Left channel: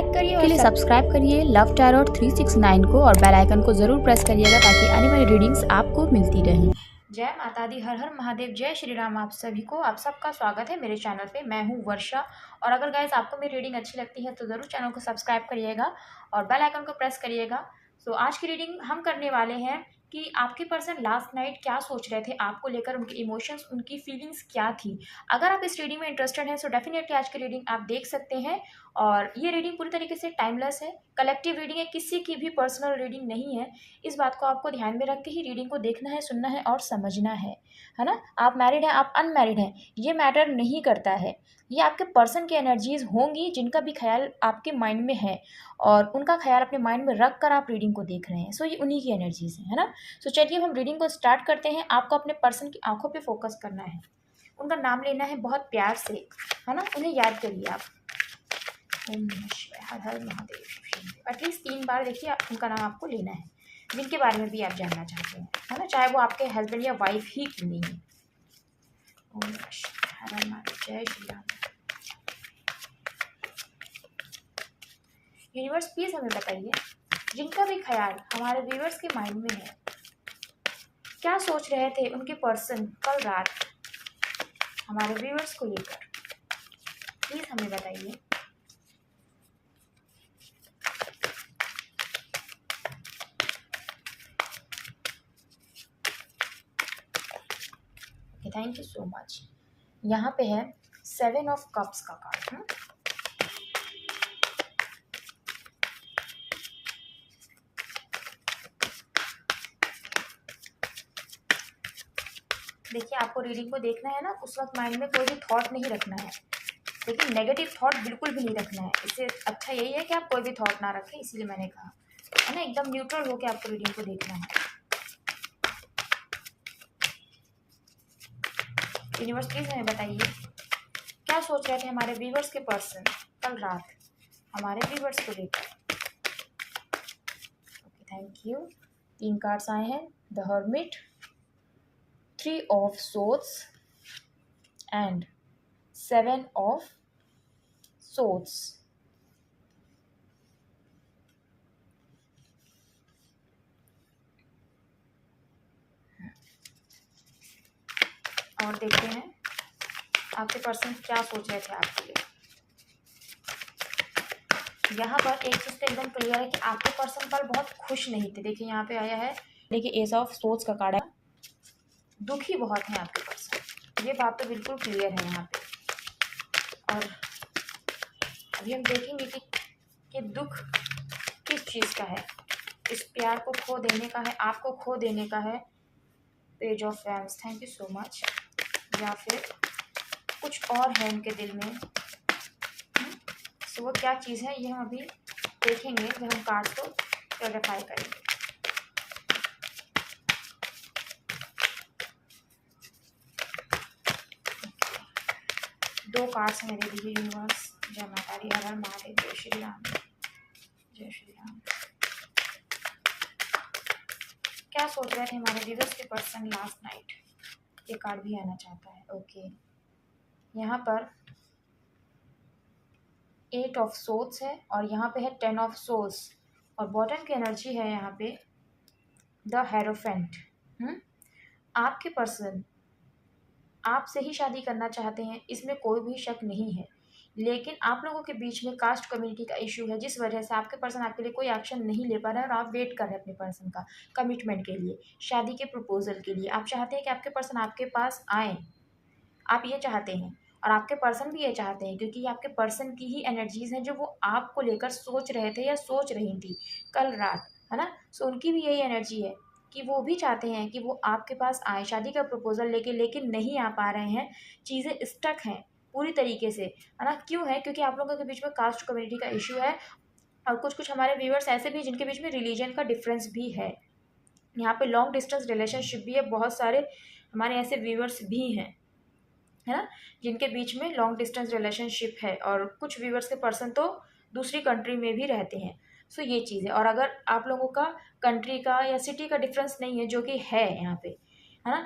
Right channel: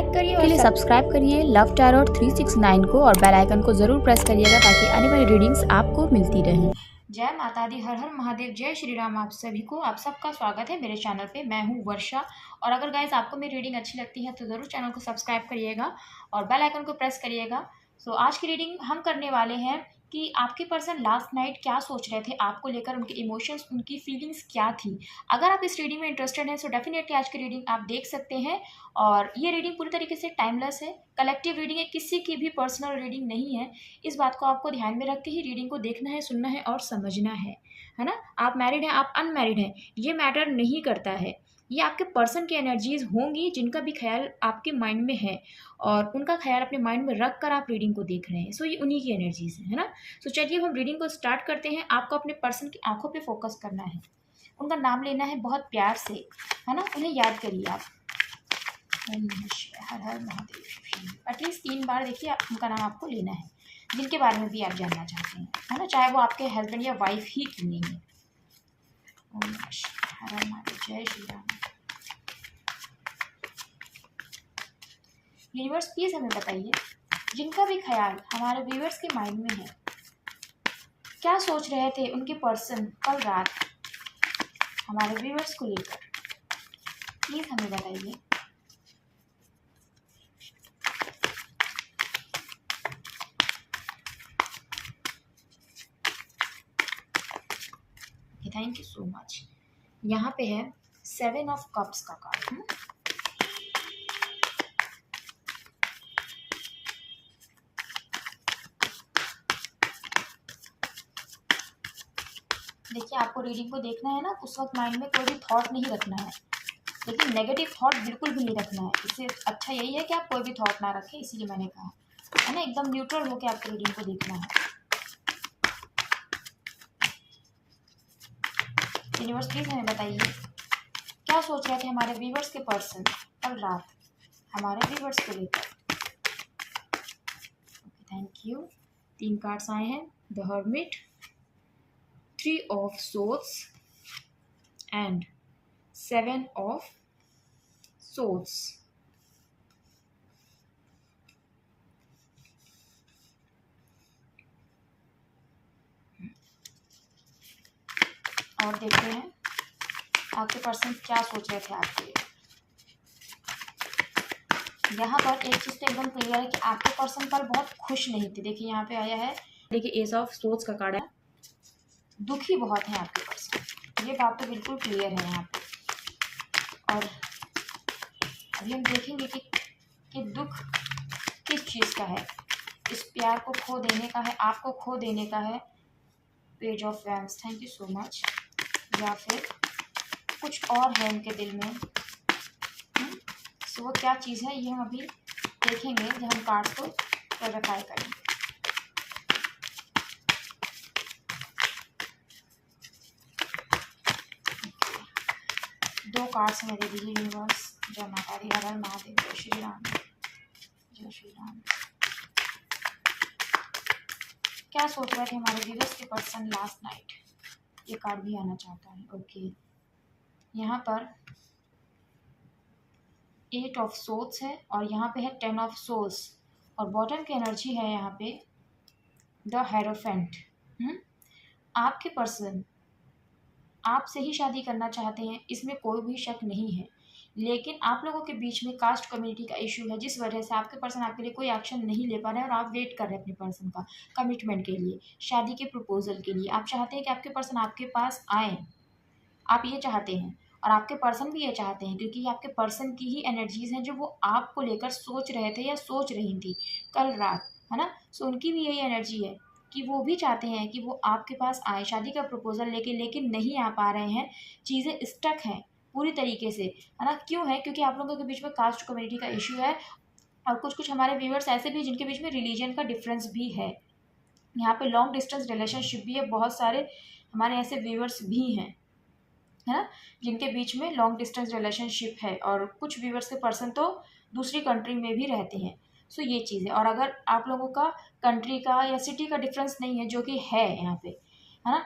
Like करिए और subscribe करिए लव टैरोट 369 को और बेल आइकन को जरूर प्रेस करिएगा ताकि आने वाली रीडिंग्स आपको मिलती रहें। जय माता दी, हर हर महादेव, जय श्री राम। आप सभी को, आप सबका स्वागत है मेरे चैनल पे। मैं हूँ वर्षा और अगर गाइस आपको मेरी रीडिंग अच्छी लगती है तो ज़रूर चैनल को सब्सक्राइब करिएगा और बेल आइकन को प्रेस करिएगा। सो आज की रीडिंग हम करने वाले हैं कि आपके पर्सन लास्ट नाइट क्या सोच रहे थे आपको लेकर, उनके इमोशंस, उनकी फीलिंग्स क्या थी। अगर आप इस रीडिंग में इंटरेस्टेड हैं सो डेफिनेटली आज की रीडिंग आप देख सकते हैं। और ये रीडिंग पूरी तरीके से टाइमलेस है, कलेक्टिव रीडिंग है, किसी की भी पर्सनल रीडिंग नहीं है। इस बात को आपको ध्यान में रखते ही रीडिंग को देखना है, सुनना है और समझना है ना। आप मैरिड हैं, आप अनमैरिड हैं, ये मैटर नहीं करता है। ये आपके पर्सन की एनर्जीज होंगी जिनका भी ख्याल आपके माइंड में है और उनका ख्याल अपने माइंड में रख कर आप रीडिंग को देख रहे हैं। सो ये उन्हीं की एनर्जीज है ना। सो चलिए हम रीडिंग को स्टार्ट करते हैं। आपको अपने पर्सन की आंखों पे फोकस करना है, उनका नाम लेना है बहुत प्यार से, है ना। उन्हें याद करिए आप, ओम नमः शिवाय, हर हर महादेव। एटलीस्ट 3 बार देखिए उनका नाम आपको लेना है जिनके बारे में भी आप जानना चाहते हैं, है ना, चाहे वो आपके हस्बैंड या वाइफ ही क्यों नहीं है। ओम नमः शिवाय, हर हर महादेव, जय श्री राम। यूनिवर्स प्लीज हमें बताइए, जिनका भी ख्याल हमारे व्यूअर्स के माइंड में है, क्या सोच रहे थे उनके पर्सन कल रात हमारे व्यूअर्स को लेकर, प्लीज हमें बताइए। Thank you so much. यहाँ पे है 7 ऑफ कप्स का कार्ड। देखिए आपको रीडिंग को देखना है ना, उस वक्त माइंड में कोई भी थॉट नहीं रखना है, लेकिन नेगेटिव थॉट बिल्कुल भी नहीं रखना है। इससे अच्छा यही है कि आप कोई भी थॉट ना रखें, इसीलिए मैंने कहा है ना, एकदम न्यूट्रल होकर आपको रीडिंग को देखना है। यूनिवर्स प्लीज हमें बताइए, क्या सोच रहे थे हमारे व्यूअर्स के पर्सन कल रात हमारे व्यूअर्स को लेकर। Okay thank you. 3 कार्ड्स आए हैं, the hermit, 3 of swords and 7 of swords. और देखते हैं आपके पर्सन क्या सोच रहे थे आपके लिए। यहाँ पर एक चीज़ तो एकदम क्लियर है कि आपके पर्सन कल बहुत खुश नहीं थे। देखिए यहाँ पे आया है, देखिए एस ऑफ सोर्ड्स का कार्ड है, दुखी बहुत है आपके पर्सन, ये बात तो बिल्कुल क्लियर है यहाँ पे। और अभी हम देखेंगे कि दुख किस चीज़ का है, इस प्यार को खो देने का है, आपको खो देने का है। Page of wands, thank you so much. या फिर कुछ और है उनके दिल में। तो वो क्या चीज़ है ये हम अभी देखेंगे जब हम कार्ड्स को क्लैरिफाई करेंगे। दो कार्ड्स हमें दे दीजिए यूनिवर्स। जय माता दी, हर हर महादेव, जय श्री राम, जय श्री राम। क्या सोच रहे थे हमारे व्यूअर्स के पर्सन लास्ट नाइट, ये कार्ड भी आना चाहता है। ओके यहाँ पर 8 ऑफ सोर्ड्स है और यहाँ पे है 10 ऑफ सोर्स और बॉटम की एनर्जी है यहाँ पे द हेरोफेंट। आपके पर्सन आपसे ही शादी करना चाहते हैं, इसमें कोई भी शक नहीं है, लेकिन आप लोगों के बीच में कास्ट कम्युनिटी का इशू है जिस वजह से आपके पर्सन आपके लिए कोई एक्शन नहीं ले पा रहे हैं और आप वेट कर रहे हैं अपने पर्सन का कमिटमेंट के लिए, शादी के प्रपोजल के लिए। आप चाहते हैं कि आपके पर्सन आपके पास आए, आप ये चाहते हैं और आपके पर्सन भी ये चाहते हैं, क्योंकि आपके पर्सन की ही एनर्जीज हैं जो वो आपको लेकर सोच रहे थे या सोच रही थी कल रात, है ना। सो उनकी भी यही एनर्जी है कि वो भी चाहते हैं कि वो आपके पास आए शादी का प्रपोजल लेके, लेकिन नहीं आ पा रहे हैं, चीज़ें स्टक हैं पूरी तरीके से, है ना। क्यों है? क्योंकि आप लोगों के बीच में कास्ट कम्युनिटी का इशू है और कुछ हमारे व्यूअर्स ऐसे भी जिनके बीच में रिलीजन का डिफरेंस भी है। यहाँ पे लॉन्ग डिस्टेंस रिलेशनशिप भी है, बहुत सारे हमारे ऐसे व्यूअर्स भी हैं, है ना, जिनके बीच में लॉन्ग डिस्टेंस रिलेशनशिप है और कुछ व्यूअर्स के पर्सन तो दूसरी कंट्री में भी रहते हैं। सो ये चीज़ है। और अगर आप लोगों का कंट्री का या सिटी का डिफरेंस नहीं है, जो कि है यहाँ पे, है ना,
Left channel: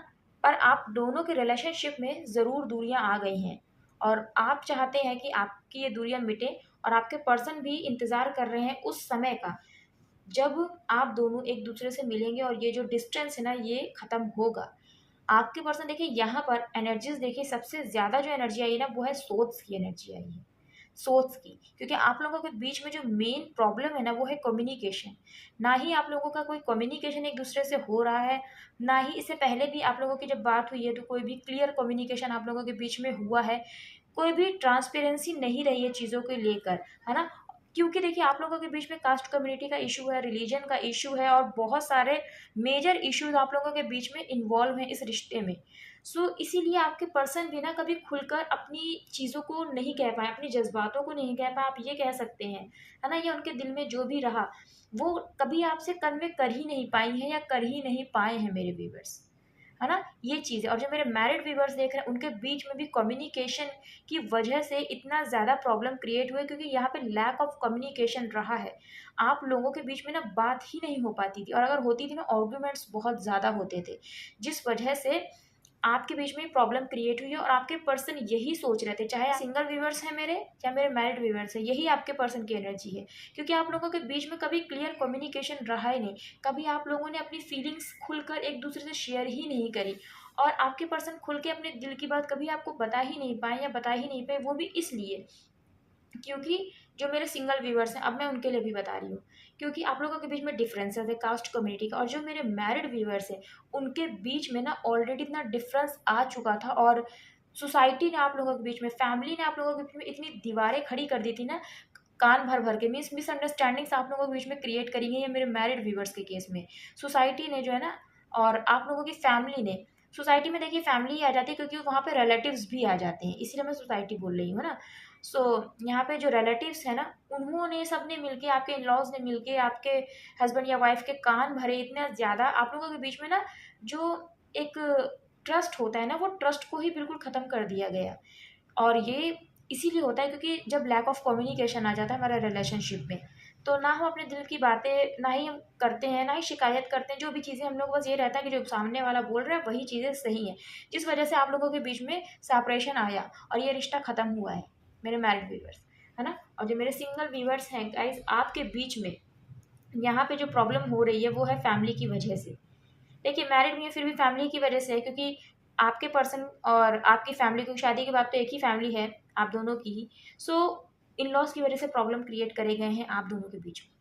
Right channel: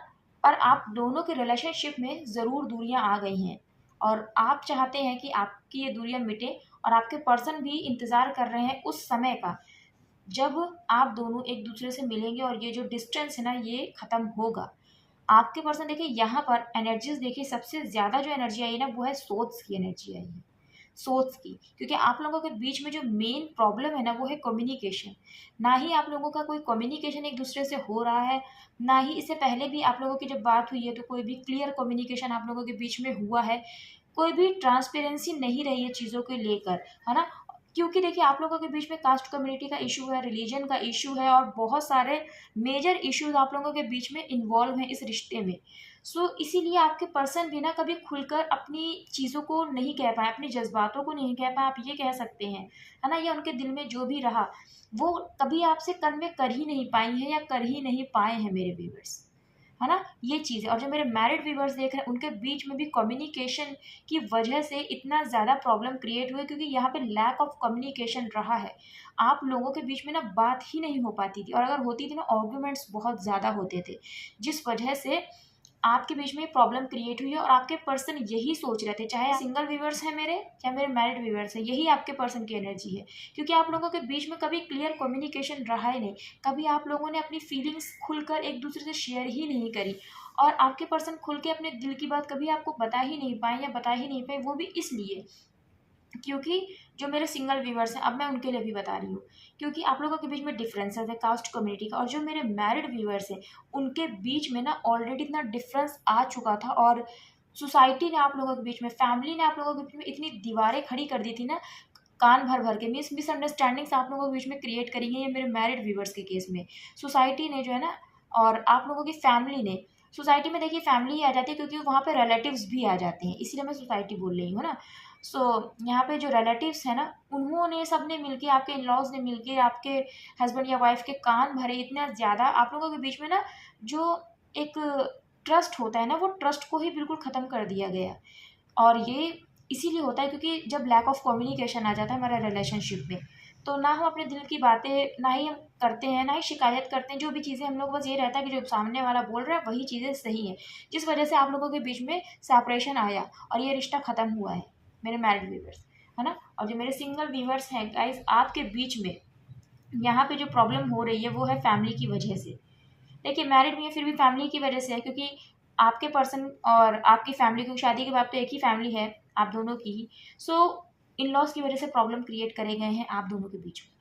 पर आप दोनों के रिलेशनशिप में ज़रूर दूरियाँ आ गई हैं और आप चाहते हैं कि आपकी ये दूरियाँ मिटे और आपके पर्सन भी इंतज़ार कर रहे हैं उस समय का, जब आप दोनों एक दूसरे से मिलेंगे और ये जो डिस्टेंस है ना ये ख़त्म होगा। आपके पर्सन देखिए यहाँ पर एनर्जीज़ देखिए सबसे ज़्यादा जो एनर्जी आई है ना वो है सोल्स की एनर्जी आई है। सोल्स की, क्योंकि आप लोगों के बीच में जो मेन प्रॉब्लम है ना वो है कम्युनिकेशन। ना ही आप लोगों का कोई कम्युनिकेशन एक दूसरे से हो रहा है, ना ही इससे पहले भी आप लोगों की जब बात हुई है तो कोई भी क्लियर कम्युनिकेशन आप लोगों के बीच में हुआ है। कोई भी ट्रांसपेरेंसी नहीं रही है चीज़ों को लेकर, है ना? क्योंकि देखिए आप लोगों के बीच में कास्ट कम्युनिटी का इशू है, रिलीजन का इशू है और बहुत सारे मेजर इश्यूज आप लोगों के बीच में इन्वॉल्व हैं इस रिश्ते में। इसीलिए आपके पर्सन भी ना कभी खुलकर अपनी चीज़ों को नहीं कह पाए, अपने जज़्बातों को नहीं कह पाए, आप ये कह सकते हैं, है ना? या उनके दिल में जो भी रहा, वो कभी आपसे कन्वे कर ही नहीं पाई हैं या कर ही नहीं पाए हैं मेरे व्यूअर्स, है ना? ये चीज़ है। और जो मेरे मैरिड व्यूअर्स देख रहे हैं उनके बीच में भी कम्युनिकेशन की वजह से इतना ज़्यादा प्रॉब्लम क्रिएट हुए, क्योंकि यहाँ पे लैक ऑफ कम्युनिकेशन रहा है। आप लोगों के बीच में ना बात ही नहीं हो पाती थी और अगर होती थी ना आर्ग्यूमेंट्स बहुत ज़्यादा होते थे, जिस वजह से आपके बीच में प्रॉब्लम क्रिएट हुई है और आपके पर्सन यही सोच रहे थे, चाहे सिंगल व्यूअर्स हैं मेरे या मेरे मैरिड व्यूअर्स हैं, यही आपके पर्सन की एनर्जी है। क्योंकि आप लोगों के बीच में कभी क्लियर कम्युनिकेशन रहा ही नहीं, कभी आप लोगों ने अपनी फीलिंग्स खुलकर एक दूसरे से शेयर ही नहीं करी और आपके पर्सन खुल के अपने दिल की बात कभी आपको बता ही नहीं पाए या बता ही नहीं पाए, वो भी इसलिए क्योंकि जो मेरे सिंगल व्यूअर्स हैं, अब मैं उनके लिए भी बता रही हूँ, क्योंकि आप लोगों के बीच में डिफरेंसेस है कास्ट कम्युनिटी का, और जो मेरे मैरिड व्यूअर्स हैं उनके बीच में ना ऑलरेडी इतना डिफरेंस आ चुका था और सोसाइटी ने आप लोगों के बीच में, फैमिली ने आप लोगों के बीच में इतनी दीवारें खड़ी कर दी थी ना, कान भर भर के मिसअंडरस्टैंडिंग्स आप लोगों के बीच में क्रिएट करी है, ये मेरे मैरिड व्यूअर्स के केस में सोसाइटी ने जो है ना, और आप लोगों की फैमिली ने, सोसाइटी में देखिए फैमिली ही आ जाती है क्योंकि वहाँ पे रिलेटिव्स भी आ जाते हैं, इसीलिए मैं सोसाइटी बोल रही हूँ ना। यहाँ पे जो रिलेटिव्स है ना, उन्होंने सबने मिलके, आपके इन लॉज ने मिलके आपके हस्बैंड या वाइफ के कान भरे इतना ज़्यादा आप लोगों के बीच में ना, जो एक ट्रस्ट होता है ना, वो ट्रस्ट को ही बिल्कुल ख़त्म कर दिया गया। और ये इसीलिए होता है क्योंकि जब लैक ऑफ कम्युनिकेशन आ जाता है हमारे रिलेशनशिप में, तो ना हम अपने दिल की बातें ना ही हम करते हैं, ना ही शिकायत करते हैं, जो भी चीज़ें हम लोग बस ये रहता है कि जो सामने वाला बोल रहा है वही चीज़ें सही हैं, जिस वजह से आप लोगों के बीच में सेपरेशन आया और ये रिश्ता ख़त्म हुआ है मेरे मैरिड व्यूअर्स, है ना? और जो मेरे सिंगल व्यूअर्स हैं गाइस, आपके बीच में यहाँ पे जो प्रॉब्लम हो रही है वो है फैमिली की वजह से। देखिए मैरिड भी है फिर भी फैमिली की वजह से है, क्योंकि आपके पर्सन और आपकी फैमिली, क्योंकि शादी के बाद तो एक ही फैमिली है आप दोनों की ही, सो इन लॉज की वजह से प्रॉब्लम क्रिएट करे गए हैं आप दोनों के बीच में,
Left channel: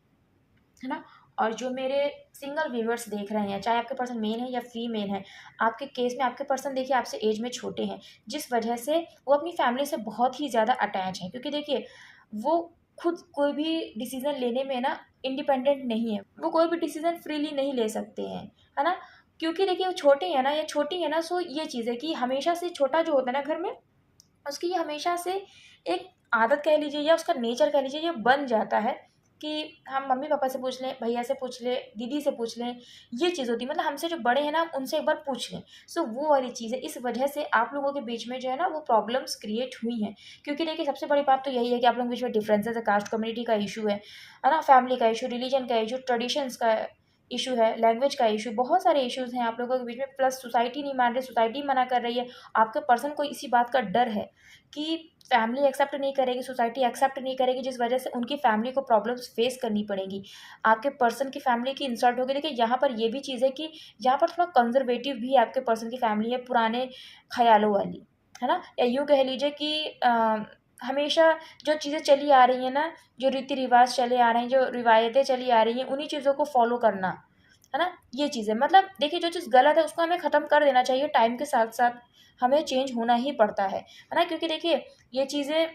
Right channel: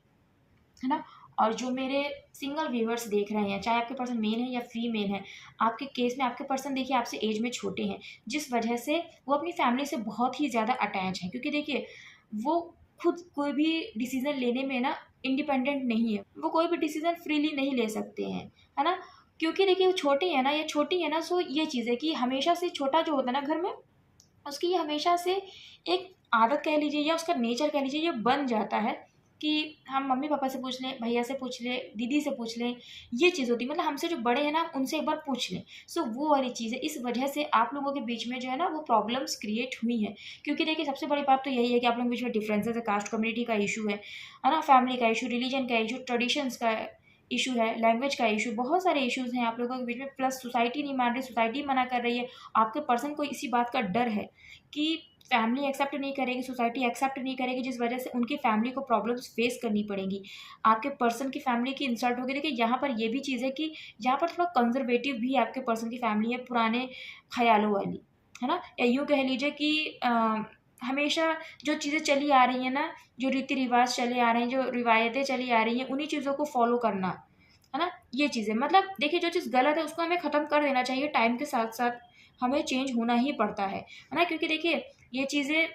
है ना? और जो मेरे सिंगल व्यूअर्स देख रहे हैं, चाहे आपके पर्सन मेन है या फीमेल है, आपके केस में आपके पर्सन देखिए आपसे एज में छोटे हैं, जिस वजह से वो अपनी फैमिली से बहुत ही ज़्यादा अटैच हैं, क्योंकि देखिए वो खुद कोई भी डिसीज़न लेने में ना इंडिपेंडेंट नहीं है, वो कोई भी डिसीज़न फ्रीली नहीं ले सकते हैं, है ना? क्योंकि देखिए वो छोटे हैं ना या छोटी है ना, सो ये चीज़ है कि हमेशा से छोटा जो होता है ना घर में, उसकी ये हमेशा से एक आदत कह लीजिए या उसका नेचर कह लीजिए, ये बन जाता है कि हम मम्मी पापा से पूछ लें, भैया से पूछ लें, दीदी से पूछ लें, ये चीज़ होती है, मतलब हमसे जो बड़े हैं ना उनसे एक बार पूछ लें। वो वाली चीज़ है, इस वजह से आप लोगों के बीच में जो है ना वो प्रॉब्लम्स क्रिएट हुई हैं, क्योंकि देखिए सबसे बड़ी बात तो यही है कि आप लोगों के बीच में डिफरेंसेस है, कास्ट कम्युनिटी का इशू है ना? फैमिली का इशू, रिलीजन का इशू, ट्रेडिशंस का इशू है, लैंग्वेज का इशू, बहुत सारे इश्यूज हैं आप लोगों के बीच में, प्लस सोसाइटी नहीं मान रही, सोसाइटी मना कर रही है। आपके पर्सन को इसी बात का डर है कि फैमिली एक्सेप्ट नहीं करेगी, सोसाइटी एक्सेप्ट नहीं करेगी, जिस वजह से उनकी फैमिली को प्रॉब्लम्स फेस करनी पड़ेंगी, आपके पर्सन की फैमिली की इंसल्ट होगी। देखिए यहाँ पर ये भी चीज़ है कि यहाँ पर थोड़ा कंजर्वेटिव भी आपके पर्सन की फैमिली है, पुराने ख्यालों वाली, है ना? या यूँ कह लीजिए कि हमेशा जो चीज़ें चली आ रही हैं ना, जो रीति रिवाज चले आ रहे हैं, जो रिवायतें चली आ रही हैं, उन्हीं चीज़ों को फॉलो करना, है ना? ये चीज़ें, मतलब देखिए जो चीज़ गलत है उसको हमें ख़त्म कर देना चाहिए, टाइम के साथ-साथ हमें चेंज होना ही पड़ता है ना? क्योंकि देखिए ये चीज़ें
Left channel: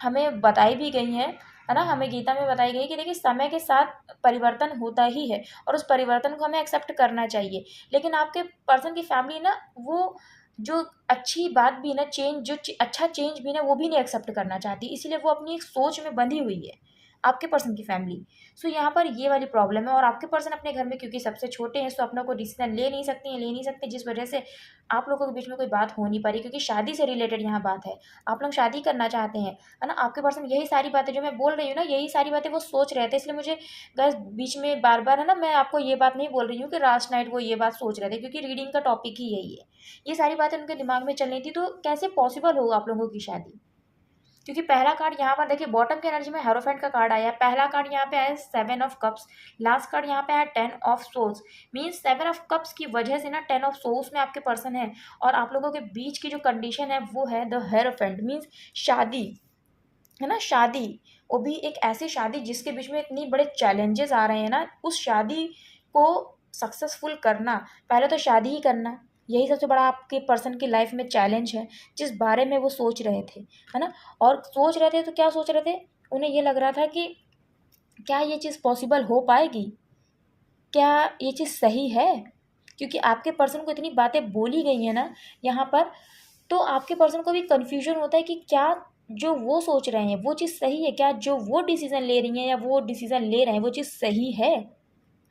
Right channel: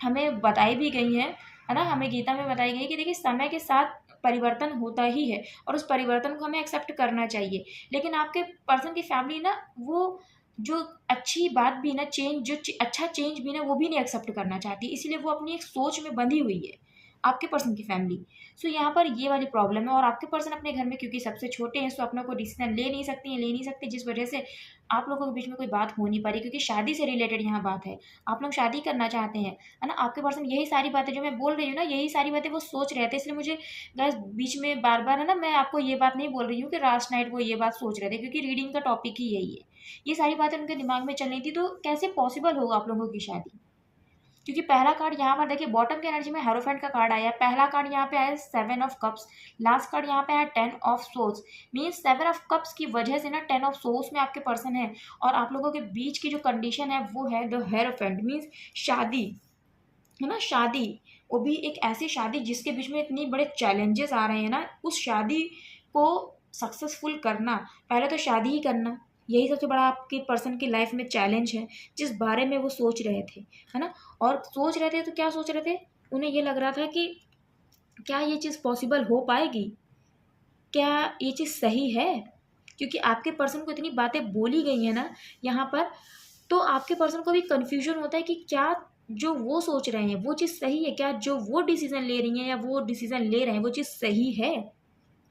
हमें बताई भी गई हैं, है ना? हमें गीता में बताई गई है कि देखिए समय के साथ परिवर्तन होता ही है और उस परिवर्तन को हमें एक्सेप्ट करना चाहिए। लेकिन आपके पर्सन की फैमिली ना, वो जो अच्छी बात भी ना, चेंज जो अच्छा चेंज भी ना, वो भी नहीं एक्सेप्ट करना चाहती, इसीलिए वो अपनी एक सोच में बंधी हुई है, आपके पर्सन की फैमिली। यहाँ पर ये वाली प्रॉब्लम है और आपके पर्सन अपने घर में क्योंकि सबसे छोटे हैं, सो अपना कोई डिसीज़न ले नहीं सकती हैं, ले नहीं सकते, जिस वजह से आप लोगों के बीच में कोई बात हो नहीं पा रही, क्योंकि शादी से रिलेटेड यहाँ बात है। आप लोग शादी करना चाहते हैं, है ना? आपके पर्सन यही सारी बातें जो मैं बोल रही हूँ ना, यही सारी बातें वो सोच रहे थे, इसलिए मुझे गाइस बीच में बार-बार, है ना, मैं आपको ये बात नहीं बोल रही हूँ कि लास्ट नाइट वो ये बात सोच रहे थे, क्योंकि रीडिंग का टॉपिक ही यही है। ये सारी बातें उनके दिमाग में चल रही थी, तो कैसे पॉसिबल होगा आप लोगों की शादी? क्योंकि पहला कार्ड यहाँ पर देखिए बॉटम की एनर्जी में हेरोफेंट का कार्ड आया है। पहला कार्ड यहाँ पे आया 7 ऑफ कप्स, लास्ट कार्ड यहाँ पे आया 10 of souls. Means 7 of cups की वजह से ना 10 ऑफ सोल्स में आपके पर्सन है और आप लोगों के बीच की जो कंडीशन है वो है द हेरोफेंट। मीन्स शादी है ना, शादी, वो भी एक ऐसी शादी जिसके बीच में इतनी बड़े चैलेंजेस आ रहे हैं ना, उस शादी को सक्सेसफुल करना, पहले तो शादी ही करना, यही सबसे बड़ा आपके पर्सन की लाइफ में चैलेंज है जिस बारे में वो सोच रहे थे, है ना। और सोच रहे थे तो क्या सोच रहे थे, उन्हें ये लग रहा था कि क्या ये चीज़ पॉसिबल हो पाएगी, क्या ये चीज़ सही है, क्योंकि आपके पर्सन को इतनी बातें बोली गई हैं ना यहाँ पर, तो आपके पर्सन को भी कन्फ्यूजन होता है कि क्या जो वो सोच रहे हैं वो चीज़ सही है, क्या जो वो डिसीज़न ले रही हैं या वो डिसीज़न ले रहे हैं वो चीज़ सही है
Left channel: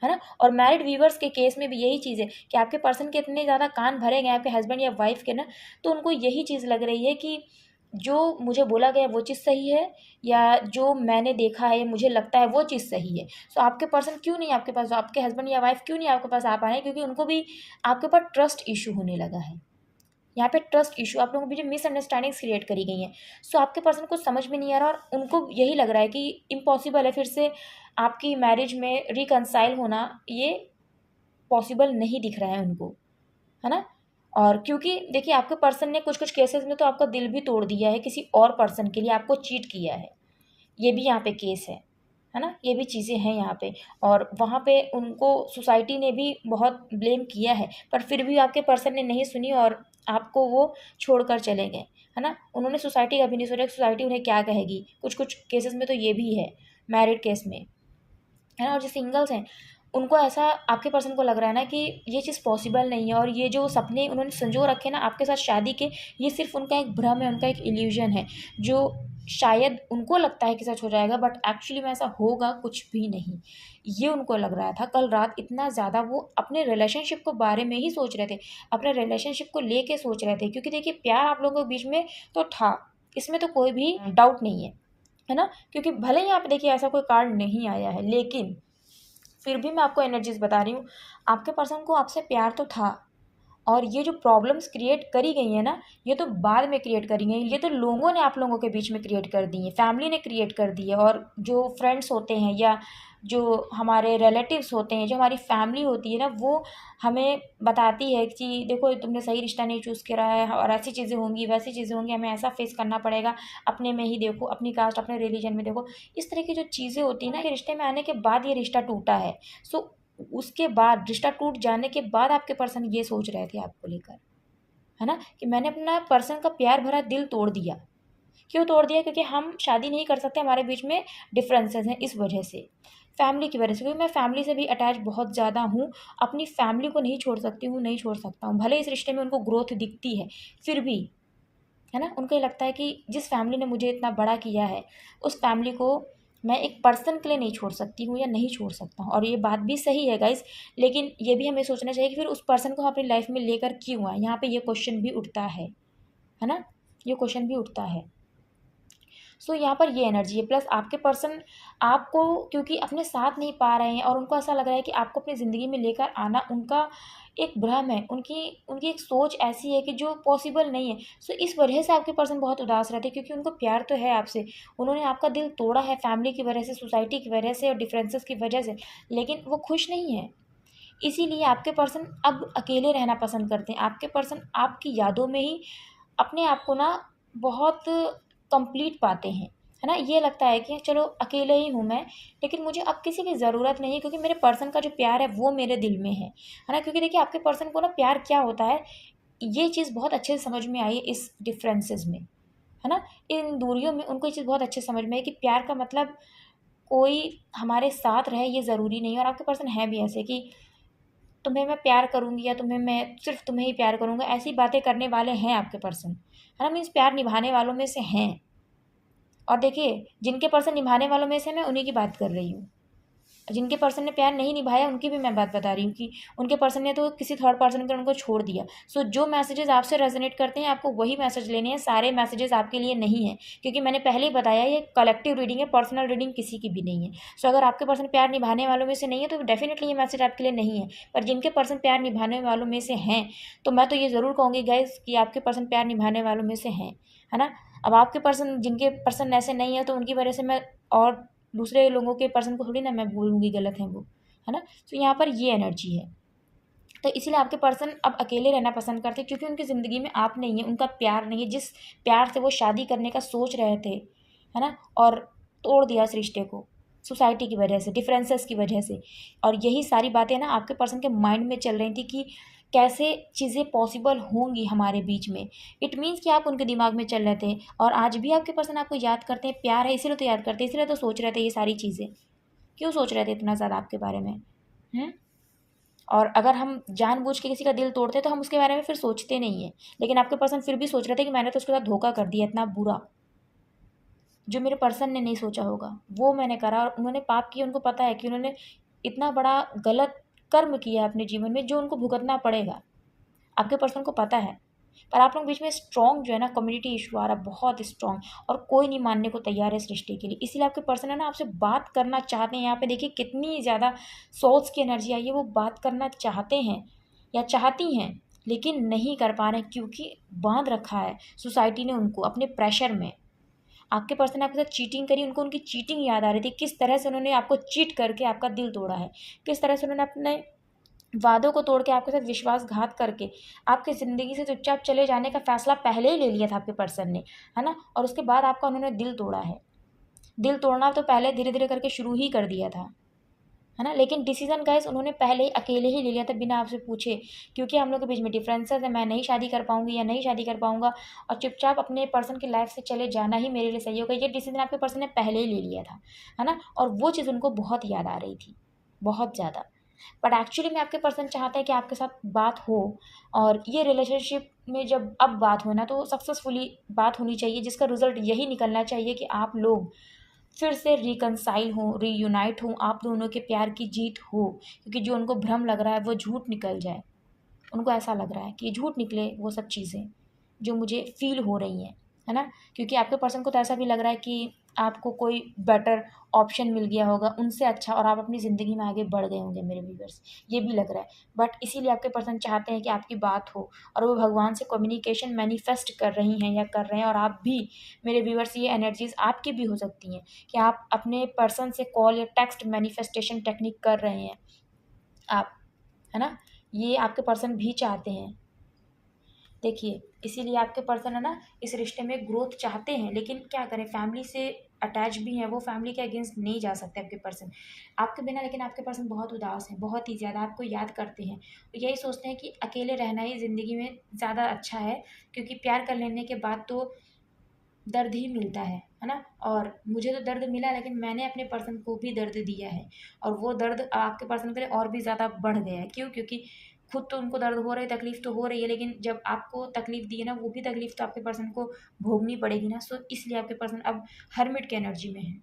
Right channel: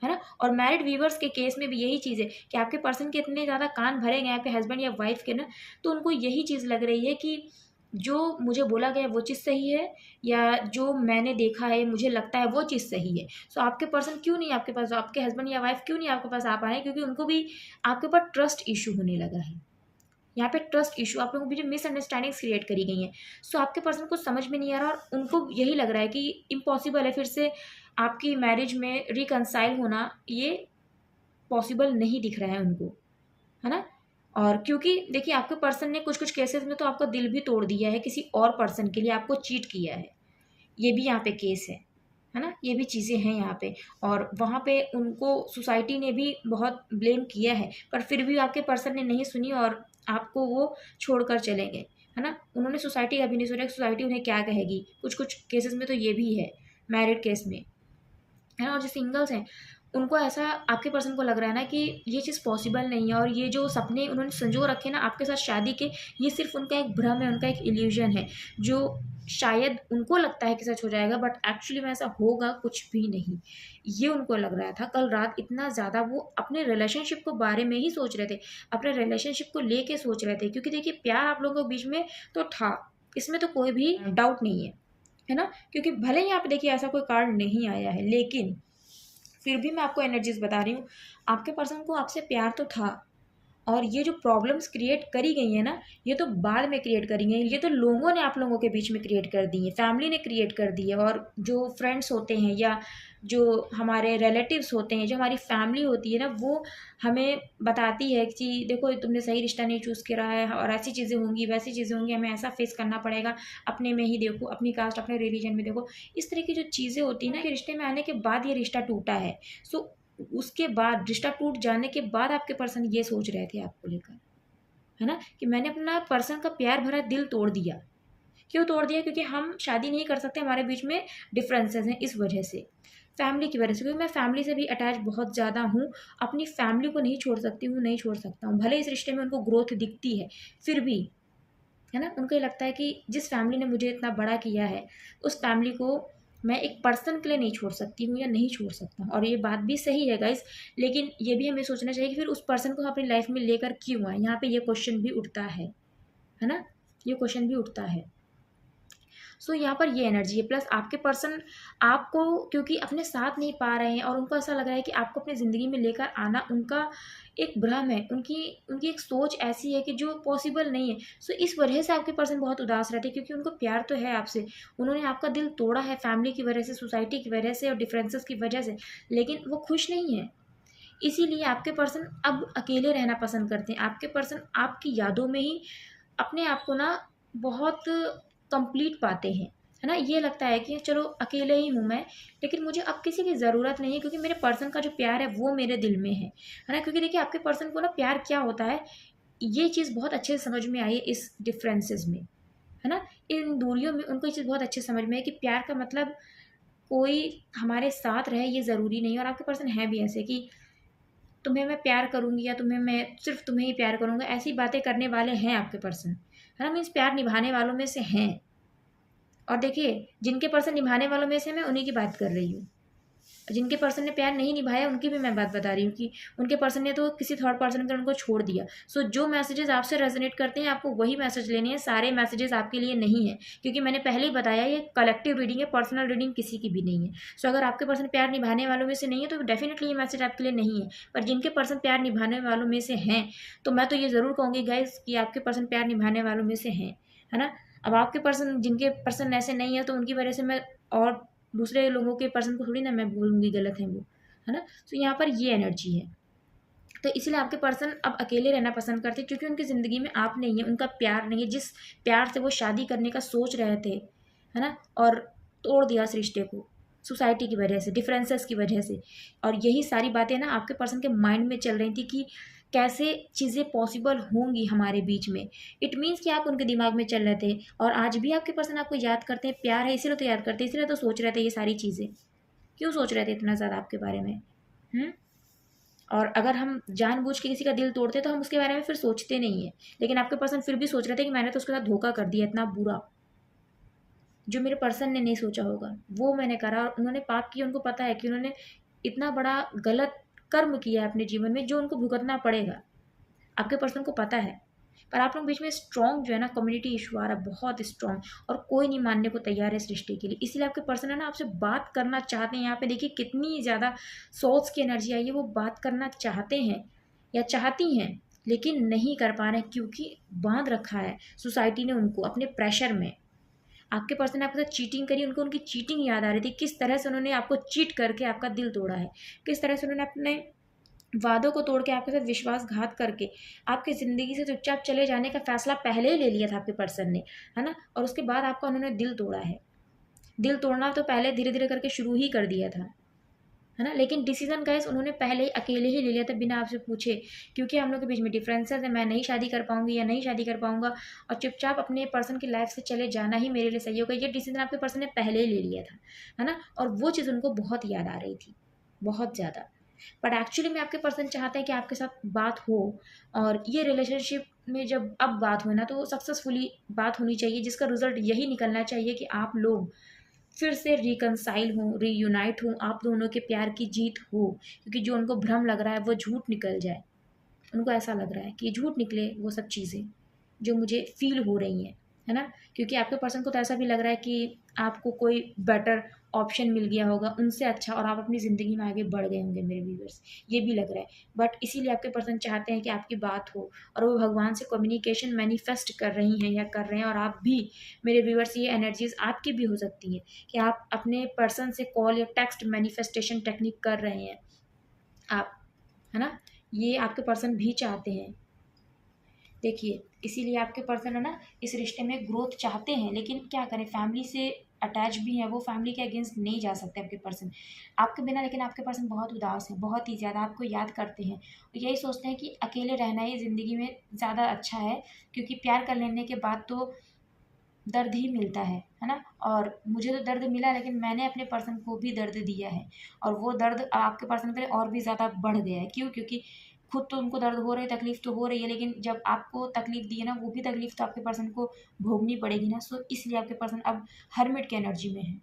ना। और मैरिड वीवर्स के केस में भी यही चीज़ है कि आपके पर्सन के इतने ज़्यादा कान भरे गए आपके हस्बैंड या वाइफ के ना, तो उनको यही चीज़ लग रही है कि जो मुझे बोला गया वो चीज़ सही है या जो मैंने देखा है मुझे लगता है वो चीज़ सही है। सो आपके पर्सन क्यों नहीं आपके पास, आपके हस्बैंड या वाइफ क्यों नहीं आपके पास आ पा रहे हैं, क्योंकि उनको भी आपके ऊपर ट्रस्ट इशू होने लगा है। यहाँ पे ट्रस्ट इशू, आप लोगों के बीच मिसअंडरस्टैंडिंग्स क्रिएट करी गई हैं। सो आपके पर्सन को समझ में नहीं आ रहा और उनको यही लग रहा है कि इम्पॉसिबल है फिर से आपकी मैरिज में रिकनसाइल होना, ये पॉसिबल नहीं दिख रहा है उनको, है ना। और क्योंकि देखिए आपके पर्सन ने कुछ कुछ केसेस में तो आपका दिल भी तोड़ दिया है, किसी और पर्सन के लिए आपको चीट किया है, ये भी यहाँ पे केस है ना, ये भी चीज़ें हैं यहाँ पे। और वहाँ पे उनको सोसाइटी ने भी बहुत ब्लेम किया है, पर फिर भी आपके पर्सन ने नहीं सुनी और आपको वो छोड़कर चले गए, है ना। उन्होंने सोसाइटी का भी नहीं सोचा कि सोसाइटी उन्हें क्या कहेगी, कुछ कुछ केसेस में तो ये भी है मैरिड केस में, है ना। और जो सिंगल्स हैं उनको ऐसा आपके पर्सन को लग रहा है ना कि ये चीज़ पॉसिबल नहीं है और ये जो सपने उन्होंने संजो रखे ना आपके साथ शादी के, ये सिर्फ उनका एक भ्रम है, उनका एक इल्यूजन है जो शायद उनको लगता है कि सच हो जाएगा, बट एक्चुअली में ऐसा होगा कुछ भी नहीं। ये उनको लग रहा था कल रात, इतना ज़्यादा वो अपने रिलेशनशिप को बारे में ही सोच रहे थे, अपने रिलेशनशिप को लेके सोच रहे थे, क्योंकि देखिए प्यार आप लोगों के बीच में तो था, इसमें तो कोई भी डाउट नहीं है ना। क्योंकि भले ही आप देखिए ऐसा कोई कार्ड नहीं आया है, लेकिन फिर भी मैं आपको एनर्जीज बता रही हूँ, आपके पर्सन को आपसे प्यार तो था और ये जो प्रॉब्लम्स क्रिएट करी गई हैं ना, ये तो बाद में क्रिएट करी गई, ये तो लोगों ने आप लोगों के बीच में क्रिएट कर दी है, फैमिली ने क्रिएट कर दी है। और जो फ्रेंड्स होते हैं या जो हमारे रिलेटिव्स होते हैं, जो हमारी फैमिली होती है ना, वो हमें बताती है कि देखो तुमने सही रिश्ता नहीं चूज़ करा है और ऐसी चीज़ें होंगी वैसी चीज़ें होंगी, हमें ऐसा फेस करना पड़ेगा, अपने में ही देखो, अपनी कास्ट अपने रिलीजन में देखो। इस तरह की जो चीज़ें होती हैं ना कि रिश्ते में आने के बाद ये रिश्ता टूटा है। सो उसके बाद रिश्ता टूट जाने के बाद आपके पर्सन ये सोच रहे थे आपको लेकर, है ना, कि मैंने अपना पर्सन का प्यार भरा दिल तोड़ दिया। क्यों तोड़ दिया, क्योंकि हम शादी नहीं कर सकते, हमारे बीच में डिफरेंसेस हैं, इस वजह से, फैमिली की वजह से, क्योंकि मैं फैमिली से भी अटैच बहुत ज़्यादा हूँ, अपनी फैमिली को नहीं छोड़ सकती हूँ, नहीं छोड़ सकता हूँ, भले इस रिश्ते में उनको ग्रोथ दिखती है फिर भी, है ना। उनको ये लगता है कि जिस फैमिली ने मुझे इतना बड़ा किया है उस फैमिली को मैं एक पर्सन के लिए नहीं छोड़ सकती हूँ या नहीं छोड़ सकता हूँ। और ये बात भी सही है गाइस, लेकिन ये भी हमें सोचना चाहिए कि फिर उस पर्सन को हम अपनी लाइफ में लेकर क्यों आए, यहाँ पे ये क्वेश्चन भी उठता है ना, ये क्वेश्चन भी उठता है। सो यहाँ पर ये एनर्जी है, प्लस आपके पर्सन आपको क्योंकि अपने साथ नहीं पा रहे हैं और उनको ऐसा लग रहा है कि आपको अपनी ज़िंदगी में लेकर आना उनका एक भ्रम है, उनकी उनकी एक सोच ऐसी है कि जो पॉसिबल नहीं है। सो इस वजह से आपके पर्सन बहुत उदास रहते हैं, क्योंकि उनको प्यार तो है आपसे, उन्होंने आपका दिल तोड़ा है फैमिली की वजह से, सोसाइटी की वजह से और डिफरेंसेस की वजह से, लेकिन वो खुश नहीं है। इसीलिए आपके पर्सन अब अकेले रहना पसंद करते हैं। आपके पर्सन आपकी यादों में ही अपने आप को ना बहुत कंप्लीट पाते हैं, है ना। ये लगता है कि चलो अकेले ही हूँ मैं, लेकिन मुझे अब किसी की ज़रूरत नहीं है, क्योंकि मेरे पर्सन का जो प्यार है वो मेरे दिल में है ना। क्योंकि देखिए आपके पर्सन को ना प्यार क्या होता है, ये चीज़ बहुत अच्छे से समझ में आई है इस डिफरेंसेस में, है ना। इन दूरियों में उनको ये चीज़ बहुत अच्छे से समझ में आई कि प्यार का मतलब कोई हमारे साथ रहे ये ज़रूरी नहीं है। और आपके पर्सन है भी ऐसे कि तुम्हें मैं प्यार करूँगी या तुम्हें मैं सिर्फ तुम्हें ही प्यार करूँगा, ऐसी बातें करने वाले हैं आपके पर्सन, है ना। मीन्स प्यार निभाने वालों में से हैं। और देखिए जिनके पर्सन निभाने वालों में से मैं उन्हीं की बात कर रही हूँ, जिनके पर्सन ने प्यार नहीं निभाया उनकी भी मैं बात बता रही हूँ कि उनके पर्सन ने तो किसी थर्ड पर्सन के उनको छोड़ दिया। सो जो मैसेजेस आपसे रेजोनेट करते हैं आपको वही मैसेज लेने हैं, सारे मैसेजेस आपके लिए नहीं है, क्योंकि मैंने पहले ही बताया ये कलेक्टिव रीडिंग है, पर्सनल रीडिंग किसी की भी नहीं है। सो अगर आपके पर्सन प्यार निभाने वालों में से नहीं है तो डेफिनेटली ये मैसेज आपके लिए नहीं है। पर जिनके पर्सन प्यार निभाने वालों में से हैं, तो मैं तो ये ज़रूर कहूँगी गाइज कि आपके पर्सन प्यार निभाने वालों में से हैं, है ना। अब आपके पर्सन, जिनके पर्सन ऐसे नहीं है तो उनकी वजह से मैं और दूसरे लोगों के पर्सन को थोड़ी ना मैं बोलूँगी गलत है वो, है ना? तो यहाँ पर ये एनर्जी है। तो इसीलिए आपके पर्सन अब अकेले रहना पसंद करते हैं, क्योंकि उनकी ज़िंदगी में आप नहीं है, उनका प्यार नहीं है। जिस प्यार से वो शादी करने का सोच रहे थे, है ना? और तोड़ दिया उस रिश्ते को, सोसाइटी की वजह से, डिफरेंसेस की वजह से। और यही सारी बातें ना आपके पर्सन के माइंड में चल रही थी कि कैसे चीज़ें पॉसिबल होंगी हमारे बीच में। इट मीन्स कि आप उनके दिमाग में चल रहे थे, और आज भी आपके पर्सन आपको याद करते हैं। प्यार है इसीलिए तो याद करते हैं, इसीलिए तो सोच रहे थे ये सारी चीज़ें। क्यों सोच रहे थे इतना ज़्यादा आपके बारे में? हुँ? और अगर हम जानबूझ के किसी का दिल तोड़ते हैं तो हम उसके बारे में फिर सोचते नहीं हैं। लेकिन आपके पर्सन फिर भी सोच रहे थे कि मैंने तो उसके साथ धोखा कर दिया इतना बुरा, जो मेरे पर्सन ने नहीं सोचा होगा, वो मैंने करा। और उन्होंने पाप किया, उनको पता है कि उन्होंने इतना बड़ा गलत कर्म किया है अपने जीवन में, जो उनको भुगतना पड़ेगा। आपके पर्सन को पता है। पर आप लोग बीच में स्ट्रॉन्ग जो है ना, कम्युनिटी इशू आ रहा है बहुत स्ट्रॉन्ग, और कोई नहीं मानने को तैयार है इस रिश्ते के लिए। इसीलिए आपके पर्सन है ना आपसे बात करना चाहते हैं। यहाँ पे देखिए कितनी ज़्यादा सोल्स की एनर्जी आई है। वो बात करना चाहते हैं या चाहती हैं, लेकिन नहीं कर पा रहे हैं, क्योंकि बांध रखा है सोसाइटी ने उनको अपने प्रेशर में। आपके पर्सन ने आपके साथ चीटिंग करी, उनको उनकी चीटिंग याद आ रही थी, किस तरह से उन्होंने आपको चीट करके आपका दिल तोड़ा है, किस तरह से उन्होंने अपने वादों को तोड़ के आपके साथ विश्वासघात करके आपकी ज़िंदगी से चुपचाप चले जाने का फ़ैसला पहले ही ले लिया था आपके पर्सन ने, है ना? और उसके बाद आपका उन्होंने दिल तोड़ा है। दिल तोड़ना तो पहले धीरे-धीरे करके शुरू ही कर दिया था, है ना? लेकिन डिसीज़न गाइस उन्होंने पहले ही अकेले ही ले लिया था बिना आपसे पूछे, क्योंकि हम लोग के बीच में डिफरेंसेस है। मैं नहीं शादी कर पाऊँगी या नहीं शादी कर पाऊँगा, और चुपचाप अपने पर्सन की लाइफ़ से चले जाना ही मेरे लिए सही होगा। ये डिसीज़न आपके पर्सन ने पहले ही ले लिया था, है ना? और वो चीज़ उनको बहुत याद आ रही थी, बहुत ज़्यादा। बट एक्चुअली में आपके पर्सन चाहते हैं कि आपके साथ बात हो, और ये रिलेशनशिप में जब अब बात हो ना, तो सक्सेसफुली बात होनी चाहिए, जिसका रिजल्ट यही निकलना चाहिए कि आप लोग फिर से रिकनसाइल हों, रीयूनाइट हों, आप दोनों के प्यार की जीत हो। क्योंकि जो उनको भ्रम लग रहा है वो झूठ निकल जाए। उनको ऐसा लग रहा है कि झूठ निकले वो सब चीज़ें जो मुझे फ़ील हो रही हैं, है ना? क्योंकि आपके पर्सन को तो ऐसा भी लग रहा है कि आपको कोई बेटर ऑप्शन मिल गया होगा उनसे अच्छा, और आप अपनी ज़िंदगी में आगे बढ़ गए होंगे मेरे व्यूअर्स, ये भी लग रहा है। बट इसीलिए आपके पर्सन चाहते हैं कि आपकी बात हो, और वो भगवान से कम्युनिकेशन मैनिफेस्ट कर रही हैं या कर रहे हैं। और आप भी मेरे व्यूअर्स, ये एनर्जीज़ आपकी भी हो सकती हैं कि आप अपने पर्सन से कॉल या टेक्स्ट मैनिफेस्टेशन टेक्निक कर रहे हैं आप, है ना? ये आपके पर्सन भी चाहते हैं। देखिए, इसीलिए आपके पर्सन है ना इस रिश्ते में ग्रोथ चाहते हैं, लेकिन क्या करें, फैमिली से अटैच भी हैं वो, फैमिली के अगेंस्ट नहीं जा सकते आपके पर्सन आपके बिना। लेकिन आपके पर्सन बहुत उदास हैं, बहुत ही ज़्यादा आपको याद करते हैं, और यही सोचते हैं कि अकेले रहना ही ज़िंदगी में ज़्यादा अच्छा है, क्योंकि प्यार कर लेने के बाद तो दर्द ही मिलता है ना? और मुझे तो दर्द मिला, लेकिन मैंने अपने पर्सन को भी दर्द दिया है, और वो दर्द आपके पर्सन के लिए और भी ज़्यादा बढ़ गया है। क्यों? क्योंकि खुद तो उनको दर्द हो रही है, तकलीफ़ तो हो रही है, लेकिन जब आपको तकलीफ़ दी है ना, वो भी तकलीफ़ तो आपके पर्सन को भोगनी पड़ेगी ना। सो इसलिए आपके पर्सन अब हर्मिट की एनर्जी में है।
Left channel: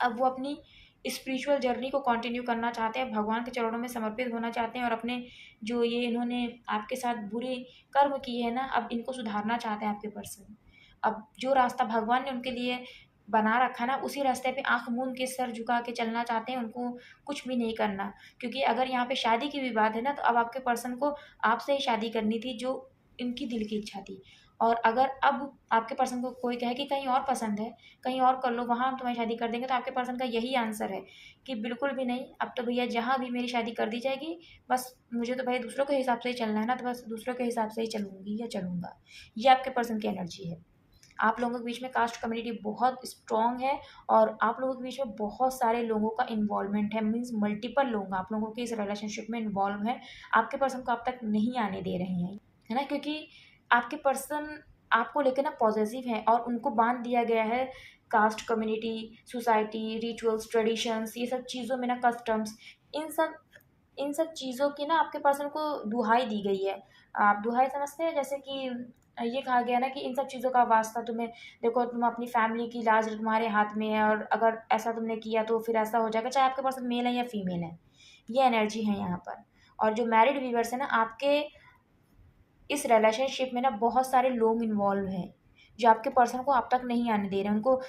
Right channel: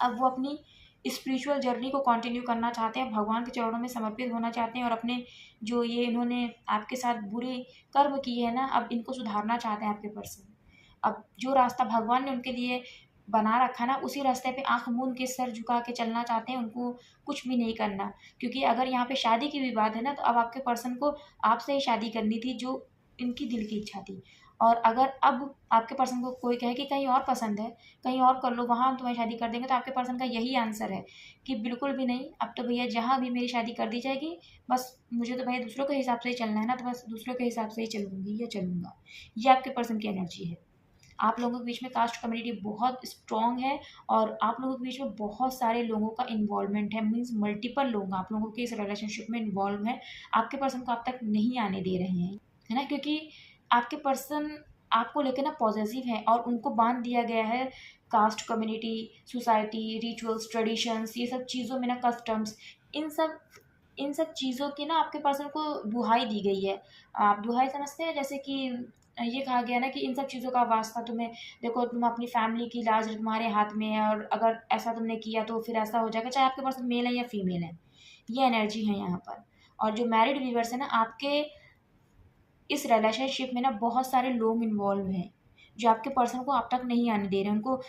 अब वो अपनी स्पिरिचुअल जर्नी को कंटिन्यू करना चाहते हैं, भगवान के चरणों में समर्पित होना चाहते हैं, और अपने जो ये इन्होंने आपके साथ बुरे कर्म किए हैं ना, अब इनको सुधारना चाहते हैं आपके पर्सन। अब जो रास्ता भगवान ने उनके लिए बना रखा ना, उसी रास्ते पे आँख मूंद के सर झुका के चलना चाहते हैं, उनको कुछ भी नहीं करना। क्योंकि अगर यहाँ पे शादी की भी बात है ना, तो अब आपके पर्सन को आपसे ही शादी करनी थी, जो इनकी दिल की इच्छा थी। और अगर अब आपके पर्सन को कोई कहे कि कहीं और पसंद है, कहीं और कर लो, वहाँ हम तुम्हें शादी कर देंगे, तो आपके पर्सन का यही आंसर है कि बिल्कुल भी नहीं, अब तो भैया जहाँ भी मेरी शादी कर दी जाएगी, बस मुझे तो भैया दूसरों के हिसाब से ही चलना है ना, तो बस दूसरों के हिसाब से ही चलूँगी या चलूँगा। ये आपके पर्सन की एनर्जी है। आप लोगों के बीच में कास्ट कम्युनिटी बहुत स्ट्रॉन्ग है, और आप लोगों के बीच में बहुत सारे लोगों का इन्वॉल्वमेंट है, मीन्स मल्टीपल लोग आप लोगों के इस रिलेशनशिप में इन्वॉल्व हैं। आपके पर्सन को आप तक नहीं आने दे रहे हैं, है ना? क्योंकि आपके पर्सन आपको लेकर ना पॉसेसिव है, और उनको बांध दिया गया है cast community, society, rituals, traditions, ये सब चीज़ों में ना, कस्टम्स, इन सब इन सब चीज़ों की ना आपके पर्सन को दुहाई दी गई है। आप दुहाई समझते हैं? जैसे कि ये कहा गया ना कि इन सब चीज़ों का वास्ता तुम्हें, देखो तुम अपनी फैमिली की लाज तुम्हारे हाथ में है, और अगर ऐसा तुमने किया तो फिर ऐसा हो जाएगा, चाहे आपके पर्सन मेल है या फीमेल है। ये एनर्जी है यहाँ पर। और जो मैरिड व्यूअर्स है ना, आपके इस रिलेशनशिप में ना बहुत सारे लोग इन्वॉल्व हैं, जो आपके पर्सन को आप तक नहीं आने दे रहे हैं। उनको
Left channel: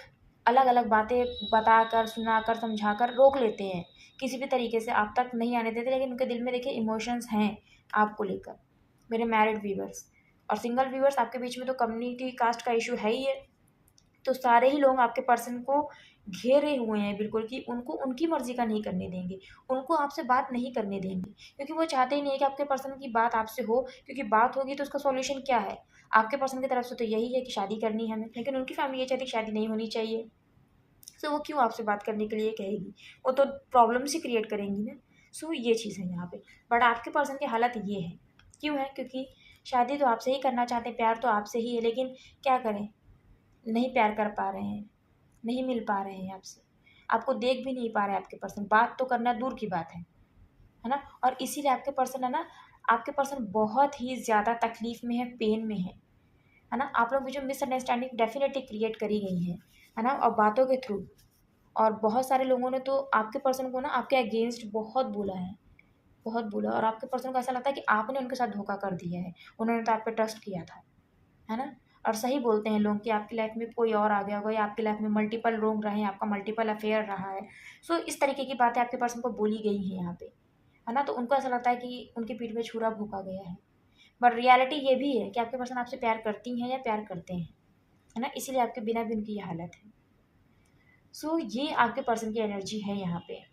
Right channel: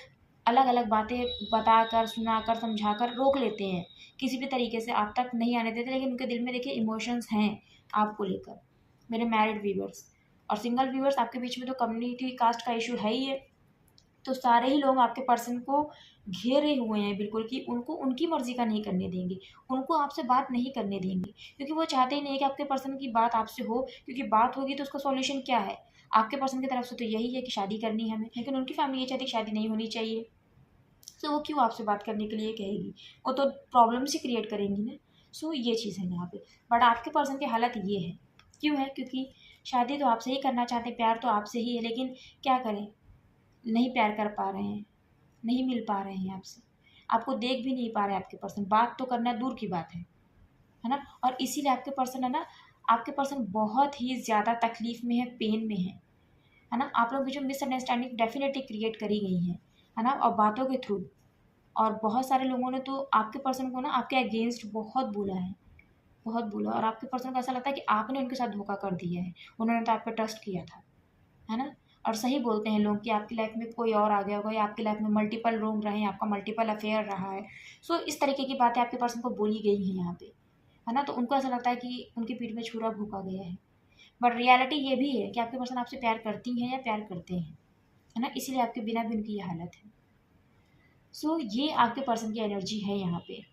अलग-अलग बातें बताकर, सुनाकर, समझाकर रोक लेते हैं। किसी भी तरीके से आप तक नहीं आने देते, लेकिन उनके दिल में देखिए इमोशंस हैं आपको लेकर, मेरे मैरिड व्यूअर्स। और सिंगल व्यूअर्स आपके बीच में तो कम्युनिटी कास्ट का इश्यू है ही है। तो सारे ही लोग आपके पर्सन को घेरे हुए हैं बिल्कुल, कि उनको उनकी मर्जी का नहीं करने देंगे, उनको आपसे बात नहीं करने देंगे, क्योंकि वो चाहते ही नहीं है कि आपके पर्सन की बात आपसे हो, क्योंकि बात होगी तो उसका सॉल्यूशन क्या है। आपके पर्सन की तरफ से तो यही है कि शादी करनी है हमें, लेकिन उनकी फैमिली ये चाहती है कि शादी नहीं होनी चाहिए। सो वो क्यों आपसे बात करने के लिए कहेगी, वो तो प्रॉब्लम्स ही क्रिएट करेंगी ना। सो ये चीज़ है यहाँ पे। बट आपके पर्सन की हालत ये है, क्यों है, क्योंकि शादी तो आपसे ही करना चाहते हैं, प्यार तो आपसे ही है, लेकिन क्या करें, नहीं प्यार कर पा रहे हैं, नहीं मिल पा रहे हैं आपसे, आपको देख भी नहीं पा रहे हैं आपके पर्सन, बात तो करना दूर की बात है ना। और इसीलिए आपके पर्सन है ना, आपके पर्सन बहुत ही ज़्यादा तकलीफ में है, पेन में है ना। आप लोग की जो मिसअंडरस्टैंडिंग डेफिनेटली क्रिएट करी गई है ना, और बातों के थ्रू। और बहुत सारे लोगों ने तो आपके पर्सन को ना आपके अगेंस्ट बहुत बोला है, बहुत बोला, और आपके पर्सन को ऐसा लगता है कि आपने उनके साथ धोखा कर दिया है, उन्होंने तो आप पे ट्रस्ट किया था, है ना। और सही बोलते हैं लोग कि आपकी लाइफ में कोई और आ गया होगा, या आपकी लाइफ में मल्टीपल लोग रहे हैं, आपका मल्टीपल अफेयर रहा है। सो इस तरीके की बातें आपके पर्सन को बोली गई हैं यहाँ पे, है ना। तो उनको ऐसा लगता है कि उनकी पीठ पे छुरा भोंका गया है। बट रियलिटी ये भी है कि आपके पर्सन आपसे प्यार करती हैं या प्यार करते हैं, है ना, इसीलिए आपके बिना भी उनकी ये हालत है। सो ये आपके पर्सन की एनर्जी है यहाँ पे।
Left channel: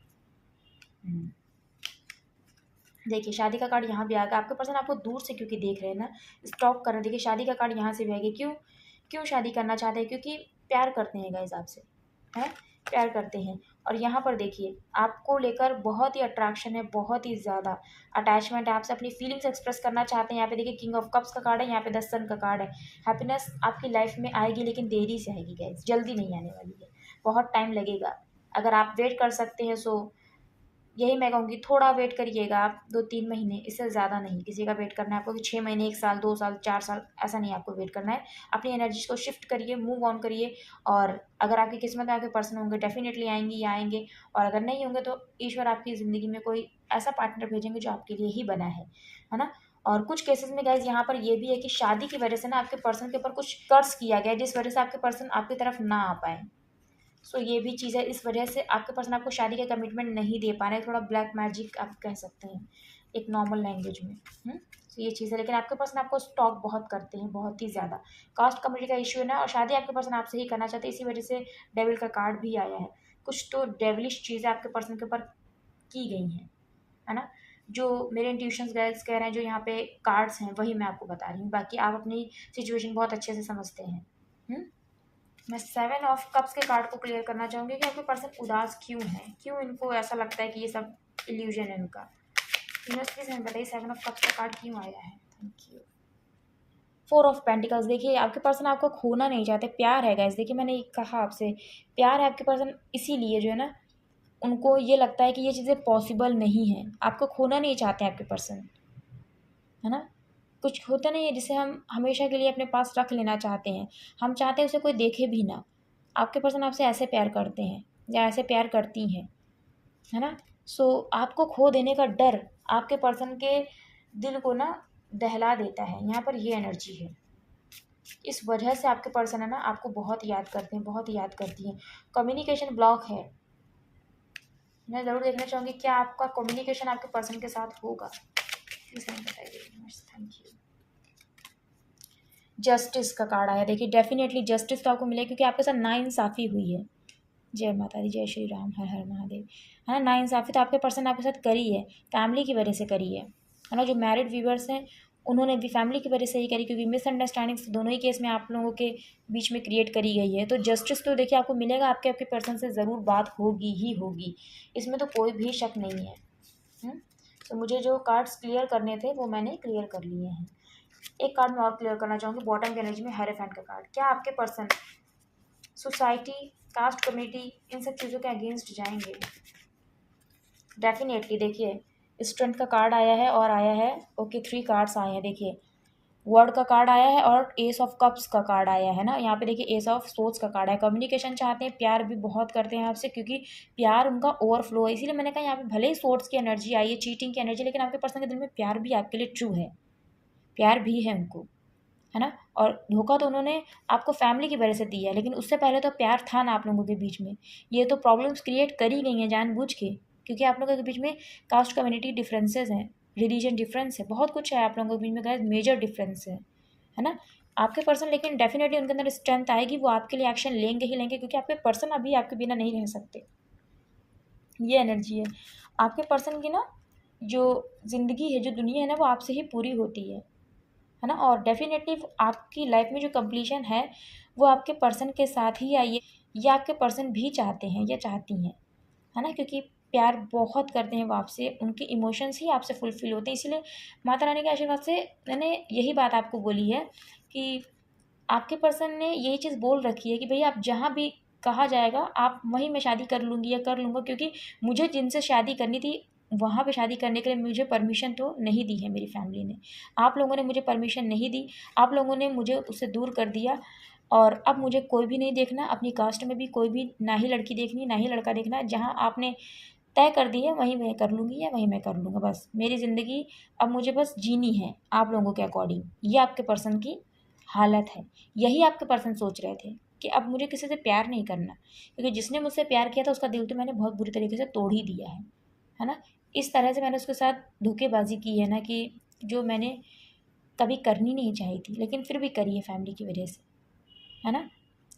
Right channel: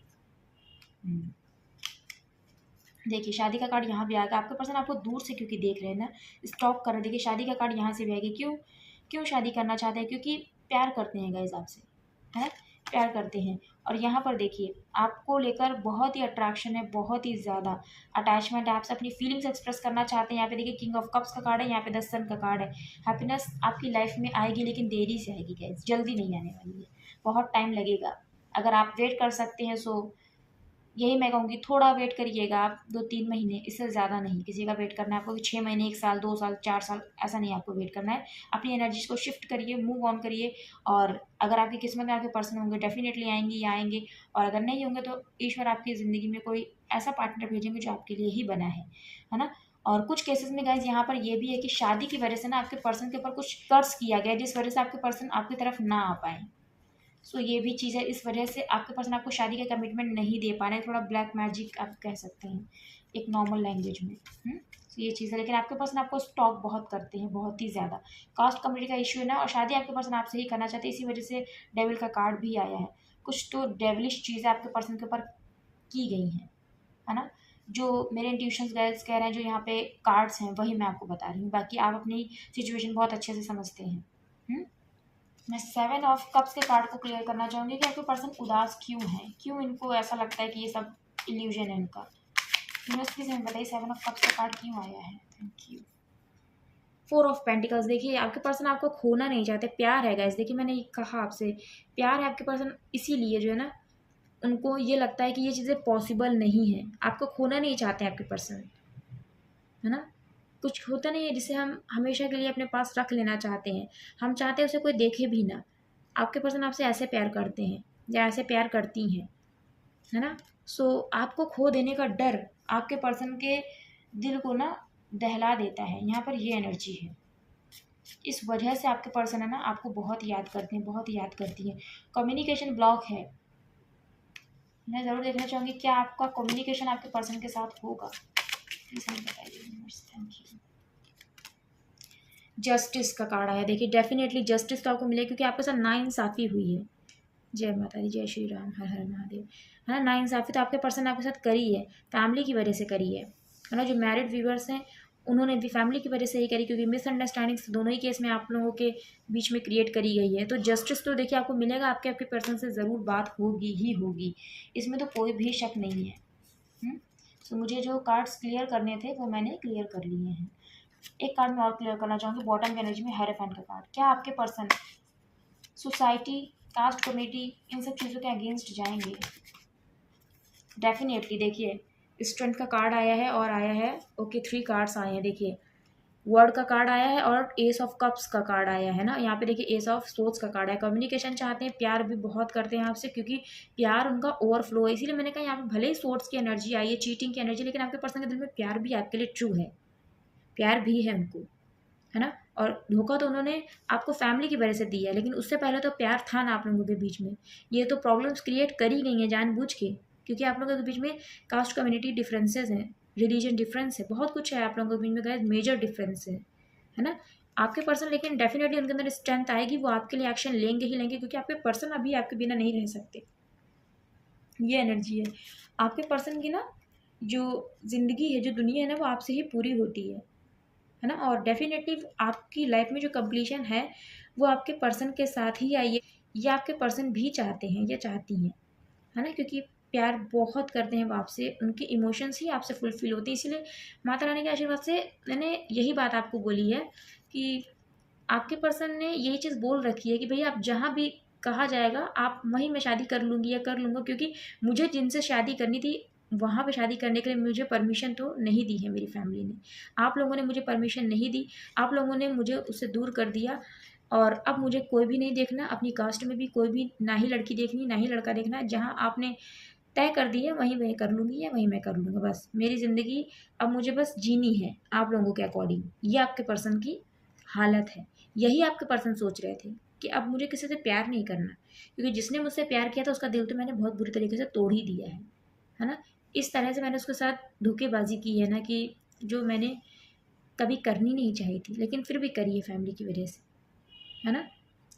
देखिए शादी का कार्ड यहाँ भी आएगा, आपके पर्सन आपको दूर से क्योंकि देख रहे हैं ना, स्टॉक कर रहे हैं। देखिए शादी का कार्ड यहाँ से भी आएगा, क्यों, क्यों शादी करना चाहते हैं, क्योंकि प्यार करते हैं गाइस आपसे, है, प्यार करते हैं। और यहाँ पर देखिए आपको लेकर बहुत ही अट्रैक्शन है, बहुत ही ज़्यादा अटैचमेंट है, आपसे अपनी फीलिंग्स एक्सप्रेस करना चाहते हैं। यहाँ पे देखिए किंग ऑफ कप्स का कार्ड है, यहाँ पे 10 सन का कार्ड है। हैप्पीनेस आपकी लाइफ में आएगी, लेकिन देरी से आएगी गाइस, जल्दी नहीं आने वाली है, बहुत टाइम लगेगा। अगर आप वेट कर सकते हैं सो यही मैं कहूँगी, थोड़ा वेट करिएगा आप, 2-3 महीने, इससे ज़्यादा नहीं किसी का वेट करना है आपको, कि 6 महीने, 1 साल, 2 साल, 4 साल, ऐसा नहीं आपको वेट करना है। अपनी एनर्जीज को शिफ्ट करिए, मूव ऑन करिए। और अगर आपकी किस्मत में आपके पर्सन होंगे, डेफिनेटली आएंगी या आएंगे। और अगर नहीं होंगे तो ईश्वर आपकी ज़िंदगी में कोई ऐसा पार्टनर भेजेंगे जो आपके लिए ही बना है ना। और कुछ केसेस में गाइज यहाँ पर ये भी है कि शादी की वजह से ना आपके पर्सन के ऊपर कुछ कर्ज किया गया है, जिस वजह से आपके पर्सन आपकी तरफ ना आ पाए। सो ये भी चीज़ है, इस वजह से आपके पर्सन आपको शादी का कमिटमेंट नहीं दे पा रहे हैं, थोड़ा ब्लैक मैजिक आप कह सकते हैं एक नॉर्मल लैंग्वेज में। सो ये चीज़ है, लेकिन आपके पर्सन आपको स्टॉक बहुत करते हैं, बहुत ही ज़्यादा। कास्ट कम्युनिटी का इशू है ना, और शादी आपके पर्सन आपसे ही करना चाहते हैं, इसी वजह से डेविल का कार्ड भी आया है। कुछ तो डेविलिश चीज़ें आपके पर्सन के ऊपर की गई हैं, है ना। जो मेरे इंट्यूशंस गाइस कह रहे हैं, जो यहाँ पे कार्ड्स हैं, वही मैं आपको बता रही हूँ, बाकी आप अपनी सिचुएशन बहुत अच्छे से समझते हैं। मैं 7 ऑफ कप्स के कार्ड को क्लियर करना चाहूँगी कि आपके पर्सन उदास क्यों है, क्यों इनको ऐसा लगता है कि ये सब इल्यूजन है इनका। यूनिवर्स प्लीज हमें बताइए 7 ऑफ कप्स का कार्ड क्यों आया है। Thank you. 4 ऑफ पेंटिकल्स, देखिए आपके पर्सन आपको खोना नहीं चाहते, प्यार है गाइस। देखिए मैंने कहा आपसे प्यार है आपके पर्सन, इसीलिए जो है ना उनको ये लगता है कि ये चीज़ें पॉसिबल नहीं है, आपको खोना नहीं चाहते हैं आपके पर्सन, है ना। कुछ होता नहीं है जिसे हम हमेशा के लिए अपने पास रख लेना चाहते हैं, हम चाहते हैं उसे कोई देखे भी ना। आपके पर्सन आपसे ऐसे प्यार करते हैं या ऐसे प्यार करती हैं, है ना। सो आपको खो देने का डर आपके पर्सन के दिल को ना दहला देता है, यहाँ पर ये एनर्जी है। इस वजह से आपके पर्सन है ना आपको बहुत याद करते हैं, बहुत याद करती हैं। कम्युनिकेशन ब्लॉक है, मैं ज़रूर देखना चाहूँगी क्या आपका कम्युनिकेशन आपके पर्सन के साथ होगा, प्लीज़ हमें बताइए। Thank you. जस्टिस का कार्ड आया, देखिए डेफिनेटली जस्टिस तो आपको मिलेगा, क्योंकि आपके साथ नाइंसाफ़ी हुई है। जय माता दी, जय श्री राम, हर हर महादेव, है ना। नाइंसाफ़ी तो आपके पर्सन आपके साथ करी है, फैमिली की वजह से करी है ना। जो मैरिड व्यूवर्स हैं उन्होंने भी फैमिली की वजह से ही करी, क्योंकि मिसअंडरस्टैंडिंग्स दोनों ही केस में आप लोगों के बीच में क्रिएट करी गई है। तो जस्टिस तो देखिए आपको मिलेगा, आपके पर्सन से ज़रूर बात होगी ही होगी, इसमें तो कोई भी शक नहीं है। तो मुझे जो कार्ड्स क्लियर करने थे वो मैंने क्लियर कर लिए हैं। एक कार्ड मैं और क्लियर करना चाहूँगी, बॉटम की एनर्जी में हेरोफेंट का कार्ड। क्या आपके पर्सन सोसाइटी, कास्ट कम्युनिटी, इन सब चीज़ों के अगेंस्ट जाएंगे? डेफिनेटली देखिए स्ट्रेंथ का कार्ड आया है और आया है, ओके 3 कार्ड्स आए हैं। देखिए वर्ड का कार्ड आया है और एस ऑफ कप्स का कार्ड आया है ना। यहाँ पे देखिए एस ऑफ सोर्ड्स का कार्ड है। कम्युनिकेशन चाहते हैं, प्यार भी बहुत करते हैं आपसे, क्योंकि प्यार उनका ओवरफ्लो है। इसीलिए मैंने कहा यहाँ पे भले ही सोर्ड्स की एनर्जी आई है, चीटिंग की एनर्जी, लेकिन आपके पर्सन के दिल में प्यार भी आपके लिए ट्रू है, प्यार भी है उनको, है ना। और धोखा तो उन्होंने आपको फैमिली की वजह से दिया है, लेकिन उससे पहले तो प्यार था ना आप लोगों के बीच में। ये तो प्रॉब्लम्स क्रिएट करी गई हैं जानबूझ के, क्योंकि आप लोगों के बीच में कास्ट कम्युनिटी डिफरेंसेस हैं, रिलीजन डिफरेंस है, बहुत कुछ है आप लोगों के बीच में गाइस, मेजर डिफरेंस है ना। आपके पर्सन लेकिन डेफिनेटली उनके अंदर स्ट्रेंथ आएगी, वो आपके लिए एक्शन लेंगे ही लेंगे, क्योंकि आपके पर्सन अभी आपके बिना नहीं रह सकते। ये एनर्जी है आपके पर्सन की ना। जो ज़िंदगी है, जो दुनिया है ना, वो आपसे ही पूरी होती है ना। और डेफिनेटली आपकी लाइफ में जो कंप्लीशन है वो आपके पर्सन के साथ ही आई है। ये आपके पर्सन भी चाहते हैं या चाहती हैं, है ना, क्योंकि प्यार बहुत करते हैं वो आपसे, उनके इमोशंस ही आपसे फुलफिल होते हैं। इसलिए माता रानी के आशीर्वाद से मैंने यही बात आपको बोली है कि आपके पर्सन ने ये चीज़ बोल रखी है कि भैया आप जहाँ भी कहा जाएगा आप वहीं मैं शादी कर लूँगी या कर लूँगा, क्योंकि मुझे जिनसे शादी करनी थी वहाँ पे शादी करने के लिए मुझे परमिशन तो नहीं दी है मेरी फैमिली ने। आप लोगों ने मुझे परमिशन नहीं दी, आप लोगों ने मुझे उससे दूर कर दिया। और अब मुझे कोई भी नहीं देखना, अपनी कास्ट में भी कोई भी ना ही लड़की देखनी ना ही लड़का देखना। जहाँ आपने तय कर दी है वहीं मैं कर लूँगी या वहीं मैं कर लूँगा। बस मेरी ज़िंदगी अब मुझे बस जीनी है आप लोगों के अकॉर्डिंग। ये आपके पर्सन की हालत है। यही आपके पर्सन सोच रहे थे कि अब मुझे किसी से प्यार नहीं करना, क्योंकि जिसने मुझसे प्यार किया था उसका दिल तो मैंने बहुत बुरी तरीके से तोड़ ही दिया है ना। इस तरह से मैंने उसके साथ धोखेबाजी की है ना, कि जो मैंने कभी करनी नहीं चाहिए थी लेकिन फिर भी करी है फैमिली की वजह से, है ना।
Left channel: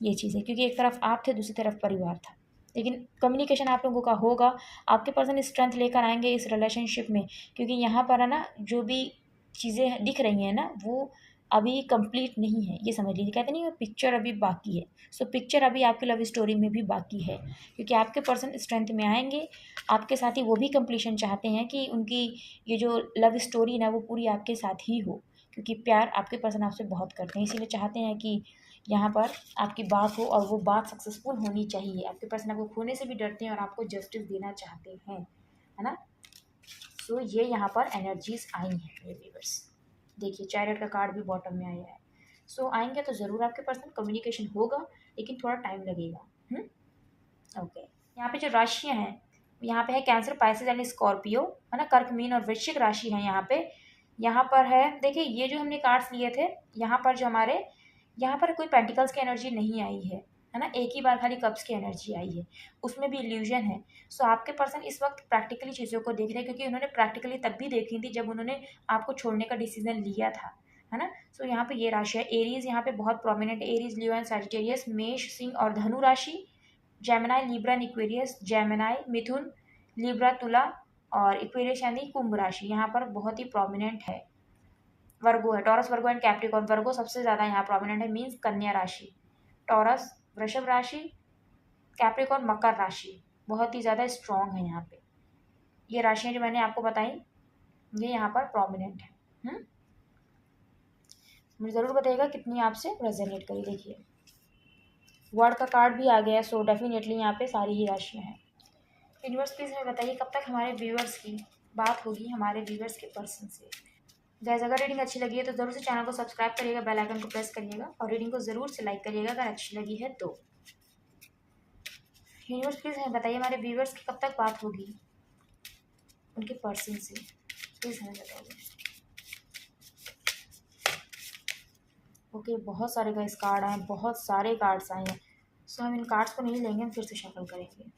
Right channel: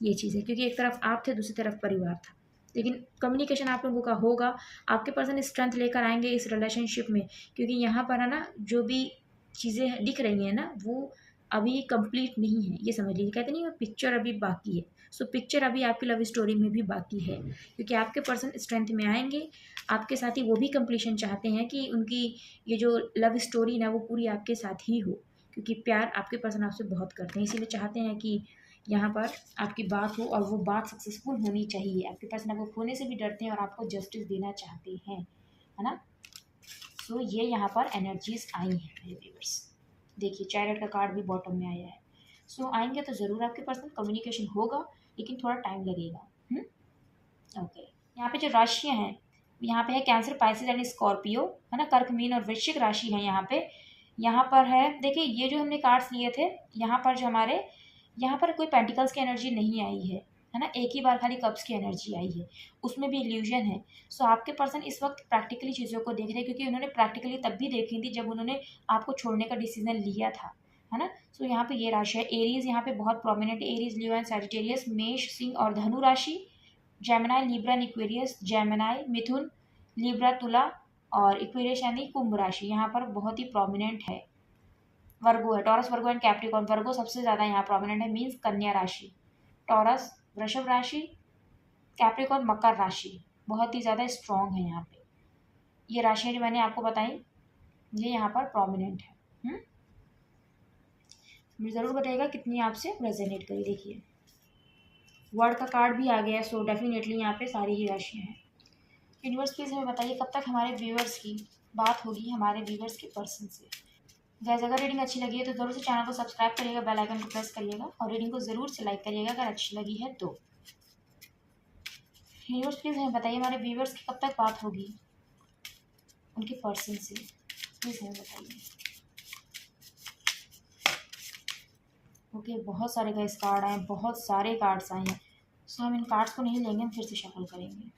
ये चीज़ है, क्योंकि एक तरफ आप थे, दूसरी तरफ परिवार था। लेकिन कम्युनिकेशन आप लोगों का होगा, आपके पर्सन स्ट्रेंथ लेकर आएंगे इस रिलेशनशिप में, क्योंकि यहाँ पर है ना जो भी चीज़ें दिख रही हैं ना वो अभी कंप्लीट नहीं है। ये समझ लीजिए, कहते नहीं वो पिक्चर अभी बाकी है। सो पिक्चर अभी आपकी लव स्टोरी में भी बाकी है, क्योंकि आपके पर्सन स्ट्रेंथ में आएंगे। आपके साथ ही वो भी कंप्लीशन चाहते हैं कि उनकी ये जो लव स्टोरी ना वो पूरी आपके साथ ही हो, क्योंकि प्यार आपके पर्सन आपसे बहुत करते हैं। इसीलिए चाहते हैं कि यहाँ पर आपकी बात हो और वो बात सक्सेसफुल होनी चाहिए। आपके पर्सन आपको खोने से भी डरते हैं और आपको जस्टिस देना चाहते हैं, है ना। सो ये यहाँ पर एनर्जीज आई हैं मेरे व्यूअर्स। देखिए चैरियट का कार्ड भी बॉटम में आया है। सो आएंगे तो ज़रूर आपके पर्सन, कम्युनिकेशन होगा लेकिन थोड़ा टाइम लगेगा। ओके, यहाँ पे जो राशियाँ हैं यहाँ पे है कैंसर, पाइसेस एंड स्कॉर्पियो, है ना। कर्क, मीन और वृश्चिक राशि है यहाँ पे। यहाँ पर है देखिए ये जो हमने कार्ड्स लिए थे, यहाँ पर जो हमारे यहाँ पर कोई पेंटिकल्स की एनर्जी नहीं आई है ना। एक ही बार खाली कप्स की एनर्जी आई है, उसमें भी इल्यूजन है। सो आपके पर्सन इस वक्त प्रैक्टिकली चीज़ों को देख रहे हैं, क्योंकि उन्होंने प्रैक्टिकली तब भी देखी थी जब उन्होंने आपको छोड़ने का डिसीजन लिया था, है ना। सो यहाँ पे ये राशि है। एरीज यहाँ पे बहुत prominent, Aries, Leo and Sagittarius, मेष, सिंह और धनु राशि। Gemini, Libra and Aquarius, Gemini, Mithun, Libra, तुला और इक्वेरियस यानी कुंभ राशि यहाँ पर बहुत ही प्रोमिनेंट है। वर्गो है, टॉरस, वर्गो एंड कैप्रिकॉर्न। वर्गो सबसे ज़्यादा यहाँ प्रोमिनेंट है, मीन्स कन्या राशि। टॉरस वृषभ राशि, कैप्रिकॉर्न मकर राशि बहुत ही ज़्यादा स्ट्रॉन्ग है यहाँ पे। ये राशियाँ जो मैंने आपको बताई ये यहाँ पर प्रोमिनेंट है। मुझे ज़रूर बताइएगा कितनी आपसे रेजोनेट करी। देखिए वर्ड का कार्ड भी आ गया है, सो डेफिनेटली यहाँ पे सारी ही राशियाँ हैं। यूनिवर्स प्लीज़ हमें बताइए कब तक हमारे व्यूअर्स की बात होगी हमारे व्यूअर्स के पर्सन से। गैस अगर रीडिंग अच्छी लगी है तो ज़रूर से चैनल को सब्सक्राइब करिएगा, बेल आइकन को प्रेस करिएगा और रीडिंग को ज़रूर से लाइक करिएगा अगर अच्छी लगी है तो। यूनिवर्स प्लीज़ हमें बताइए हमारे व्यूअर्स की कब तक बात होगी उनके पर्सन से, प्लीज़ हमें बताइए। ओके, बहुत सारे गैस कार्ड आए, बहुत सारे कार्ड्स आए हैं। सो हम इन कार्ड्स को नहीं लेंगे, हम फिर से शफल करेंगे।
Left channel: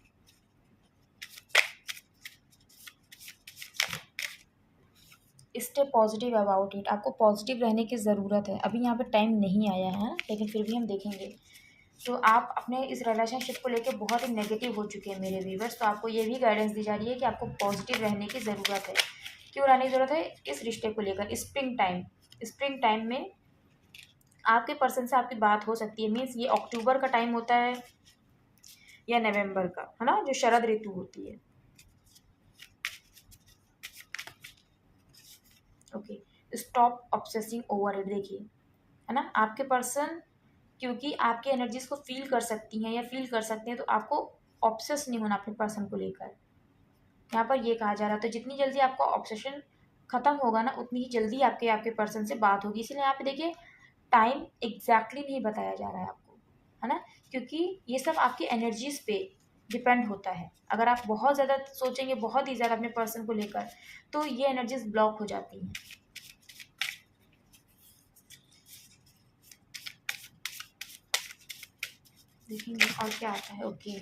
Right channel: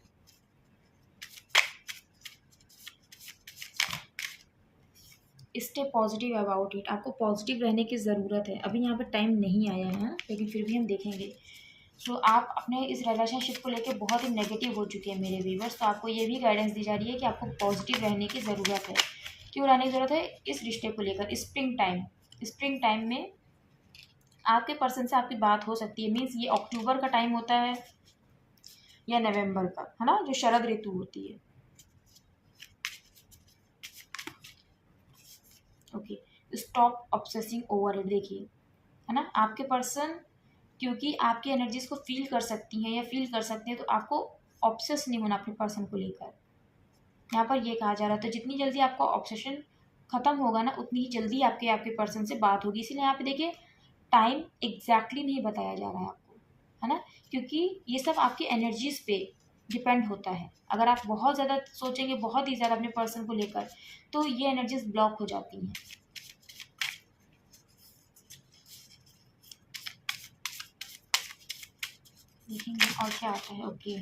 स्टे पॉजिटिव अबाउट इट, आपको पॉजिटिव रहने की ज़रूरत है। अभी यहाँ पर टाइम नहीं आया है लेकिन फिर भी हम देखेंगे। तो आप अपने इस रिलेशनशिप को लेकर बहुत ही नेगेटिव हो चुके हैं मेरे व्यूवर्स, तो आपको ये भी गाइडेंस दी जा रही है कि आपको पॉजिटिव रहने की ज़रूरत है। क्यों रहने की ज़रूरत है? इस रिश्ते को लेकर स्प्रिंग टाइम में आपके पर्सन से आपकी बात हो सकती है। मीन्स ये अक्टूबर का टाइम होता है या नवंबर का, है ना, जो शरद ऋतु होती है। Okay, stop obsessing over it. देखिए है ना, आपके पर्सन क्योंकि आपकी एनर्जीज को फील कर सकती हैं या फील कर सकते हैं, तो आपको ऑब्सेस नहीं होना अपने पर्सन को लेकर। यहाँ पर ये कहा जा रहा है तो जितनी जल्दी आपका ऑब्सेशन खत्म होगा ना उतनी ही जल्दी आपके पर्सन से बात होगी। इसीलिए यहाँ पे देखिए टाइम एग्जैक्टली नहीं बताया जा रहा है आपको, है ना, क्योंकि ये सब आपकी एनर्जीज पे डिपेंड होता है। अगर आप बहुत ज़्यादा सोचेंगे, बहुत ही ज़्यादा अपने पर्सन को लेकर, तो ये एनर्जीज ब्लॉक हो जाती हैं। देखेंगे और क्या आता है। ओके,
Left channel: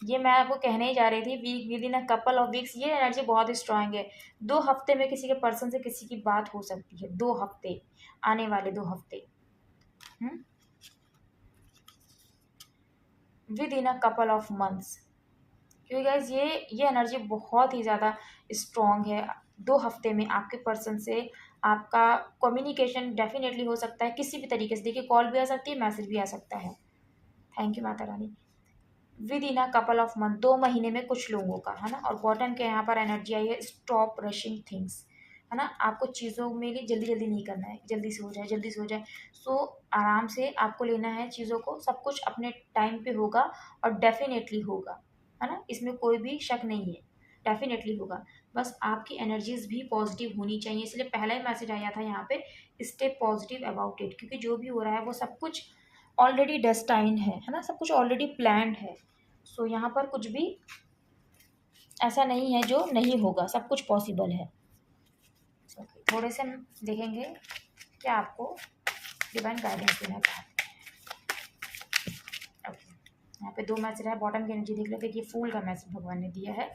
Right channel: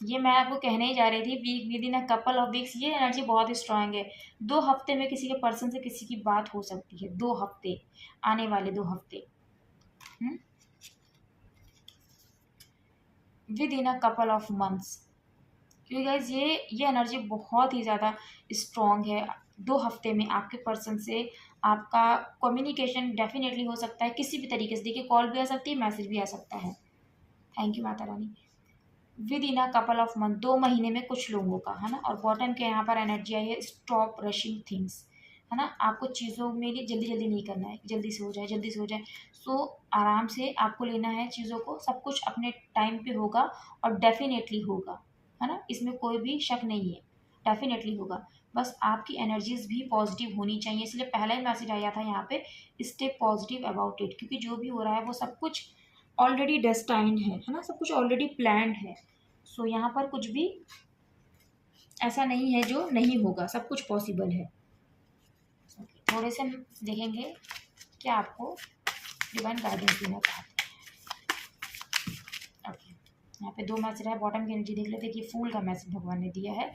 ये मैं आपको कहने ही जा रही थी, week within a couple of weeks, ये एनर्जी बहुत ही स्ट्रांग है। 2 हफ्ते में किसी के पर्सन से किसी की बात हो सकती है, 2 हफ्ते, आने वाले 2 हफ्ते, with in a couple of months. क्योंकि गाइज ये एनर्जी बहुत ही ज़्यादा स्ट्रॉन्ग है। 2 हफ्ते में आपके पर्सन से आपका कम्युनिकेशन डेफिनेटली हो सकता है किसी भी तरीके से। देखिए, कॉल भी आ सकती है, मैसेज भी आ सकता है। Thank you Mata Rani. Within a couple of month, 2 महीने में कुछ लोगों का, है ना। और बॉटम के यहाँ पर एनर्जी आई है, स्टॉप रशिंग थिंग्स, है ना। आपको चीज़ों में लिए जल्दी जल्दी नहीं करना है, जल्दी से हो जाए, जल्दी से हो जाए। सो आराम से आपको लेना है चीज़ों को, सब कुछ अपने टाइम पे होगा और डेफिनेटली होगा, है ना। इसमें कोई भी शक नहीं है, डेफिनेटली होगा। बस आपकी एनर्जीज भी पॉजिटिव होनी चाहिए, इसलिए पहला ही मैसेज आया था यहाँ पे, स्टे पॉजिटिव अबाउट इट। क्योंकि जो भी हो रहा है वो सब कुछ ऑलरेडी डेस्टाइंड है ना, सब कुछ ऑलरेडी प्लान्ड है। सो यहाँ पर कुछ भी ऐसा नहीं है जो नहीं होगा, सब कुछ पॉसिबल है। थोड़े से हम देखेंगे क्या आपको डिवाइन गाइडेंस देना चाहते हैं। ओके, यहाँ पे 2 मैसेज है, बॉटम की एनर्जी देख लेते हैं कि फूल का मैसेज भगवान ने दिया है।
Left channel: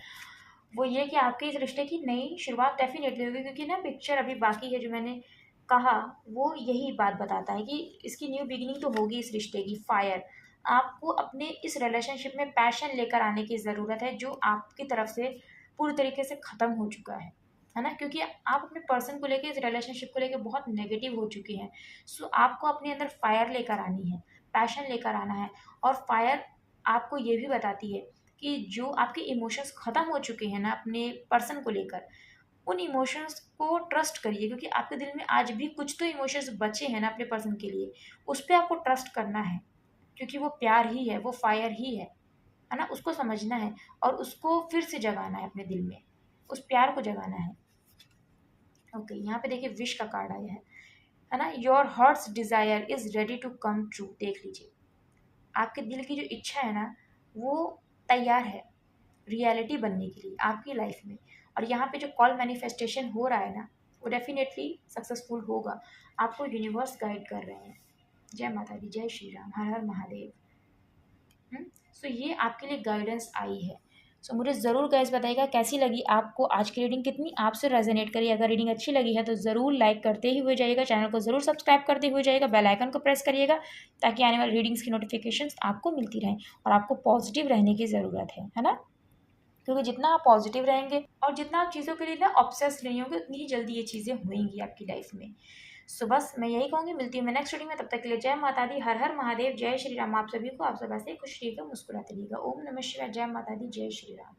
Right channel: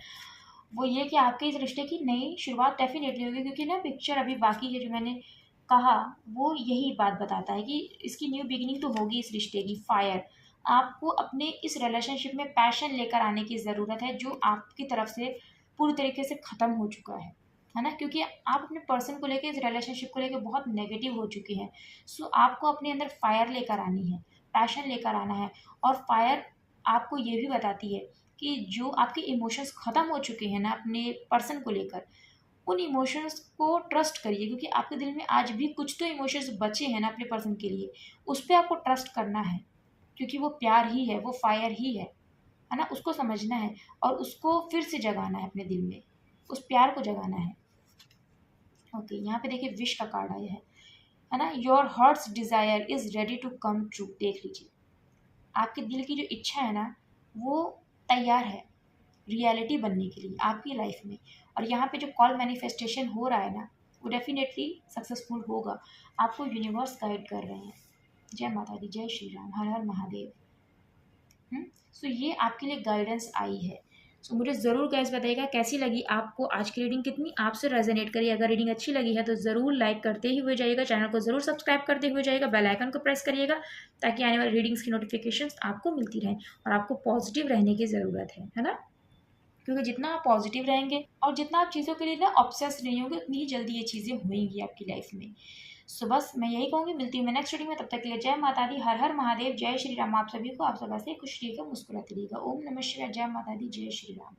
वो ये कि आपके इस रिश्ते की नई शुरुआत डेफिनेटली होगी, क्योंकि ना पिक्चर अभी बाकी है जो मैंने कहा, वो यही बात बताता है कि इसकी न्यू बिगिनिंग तो होगी इस रिश्ते की। फायर, आपको अपने इस रिलेशनशिप में पैशन लेकर आने की ज़रूरत है, जो आपकी तरफ से पूरी तरीके से ख़त्म हो चुका है ना। क्योंकि आप अपने पर्सन को लेके, इस रिलेशनशिप को लेके बहुत नेगेटिव हो चुके हैं। सो आपको अपने अंदर फायर लेकर आनी है, पैशन लेकर आना है। और फायर आपको ये भी बताती है कि जो आपके इमोशंस ख़त्म हो चुके हैं ना अपने पर्सन को लेकर, उन इमोशंस को ट्रस्ट करिए। क्योंकि आपके दिल में आज भी कुछ तो इमोशंस बचे हैं ना अपने पर्सन के लिए, उस पर आपको ट्रस्ट करना है। क्योंकि वो प्यार ही है, वो फायर ही है ना। उसको समझना है और उसको फिर से जगाना है अपने दिल में, उस प्यार को जगाना है। ओके, यहाँ पे देखिए विश का कार्ड आया है ना। Your heart's desire is ready to come true. देख लीजिए, आपके दिल की जो इच्छा है ना, वो तैयार है रियलिटी बनने के लिए आपकी लाइफ में। और यहाँ पे जो कॉल मैनिफेस्टेशन हो रहा है ना, वो डेफिनेटली सक्सेसफुल होगा। आपको यूनिवर्स गाइड कर रहे हैं। जय माता दी, जय श्री राम, हर हर महादेव। सो ये आपके लिए गाइडेंस आई है। सो मुझे ज़रूर गाइस बताइएगा कैसी लगी आपको आज की रीडिंग, कितनी आपसे रेजोनेट करी। अगर रीडिंग अच्छी लगी है तो ज़रूर लाइक करते ही हुए जाइएगा, चैनल को ज़रूर सब्सक्राइब करते हुए जाइएगा, बेल आइकन को प्रेस करिएगा, ताकि आने वाली रीडिंग्स की नोटिफिकेशंस आपको मिलती रहें। और आपको पॉजिटिव रहने की ज़रूरत है ना। क्योंकि जितना आप पॉजिटिव रहेंगे और जितना आप चीज़ों के लिए ना ऑब्सेस नहीं होंगे, उतनी ही जल्दी ये चीज़ें होंगी आपकी लाइफ में। सो बस मैं यही कहूँगी, मिलती हूँ मैं नेक्स्ट रीडिंग में। तब तक के लिए जय माता दी, हर हर महादेव, जय श्री राम। आप सभी को, आप सब ऐसे खुश रहिएगा, मुस्कुराते रहिएगा। ओम नमः शिवाय, जय माता दी, जय श्री राम।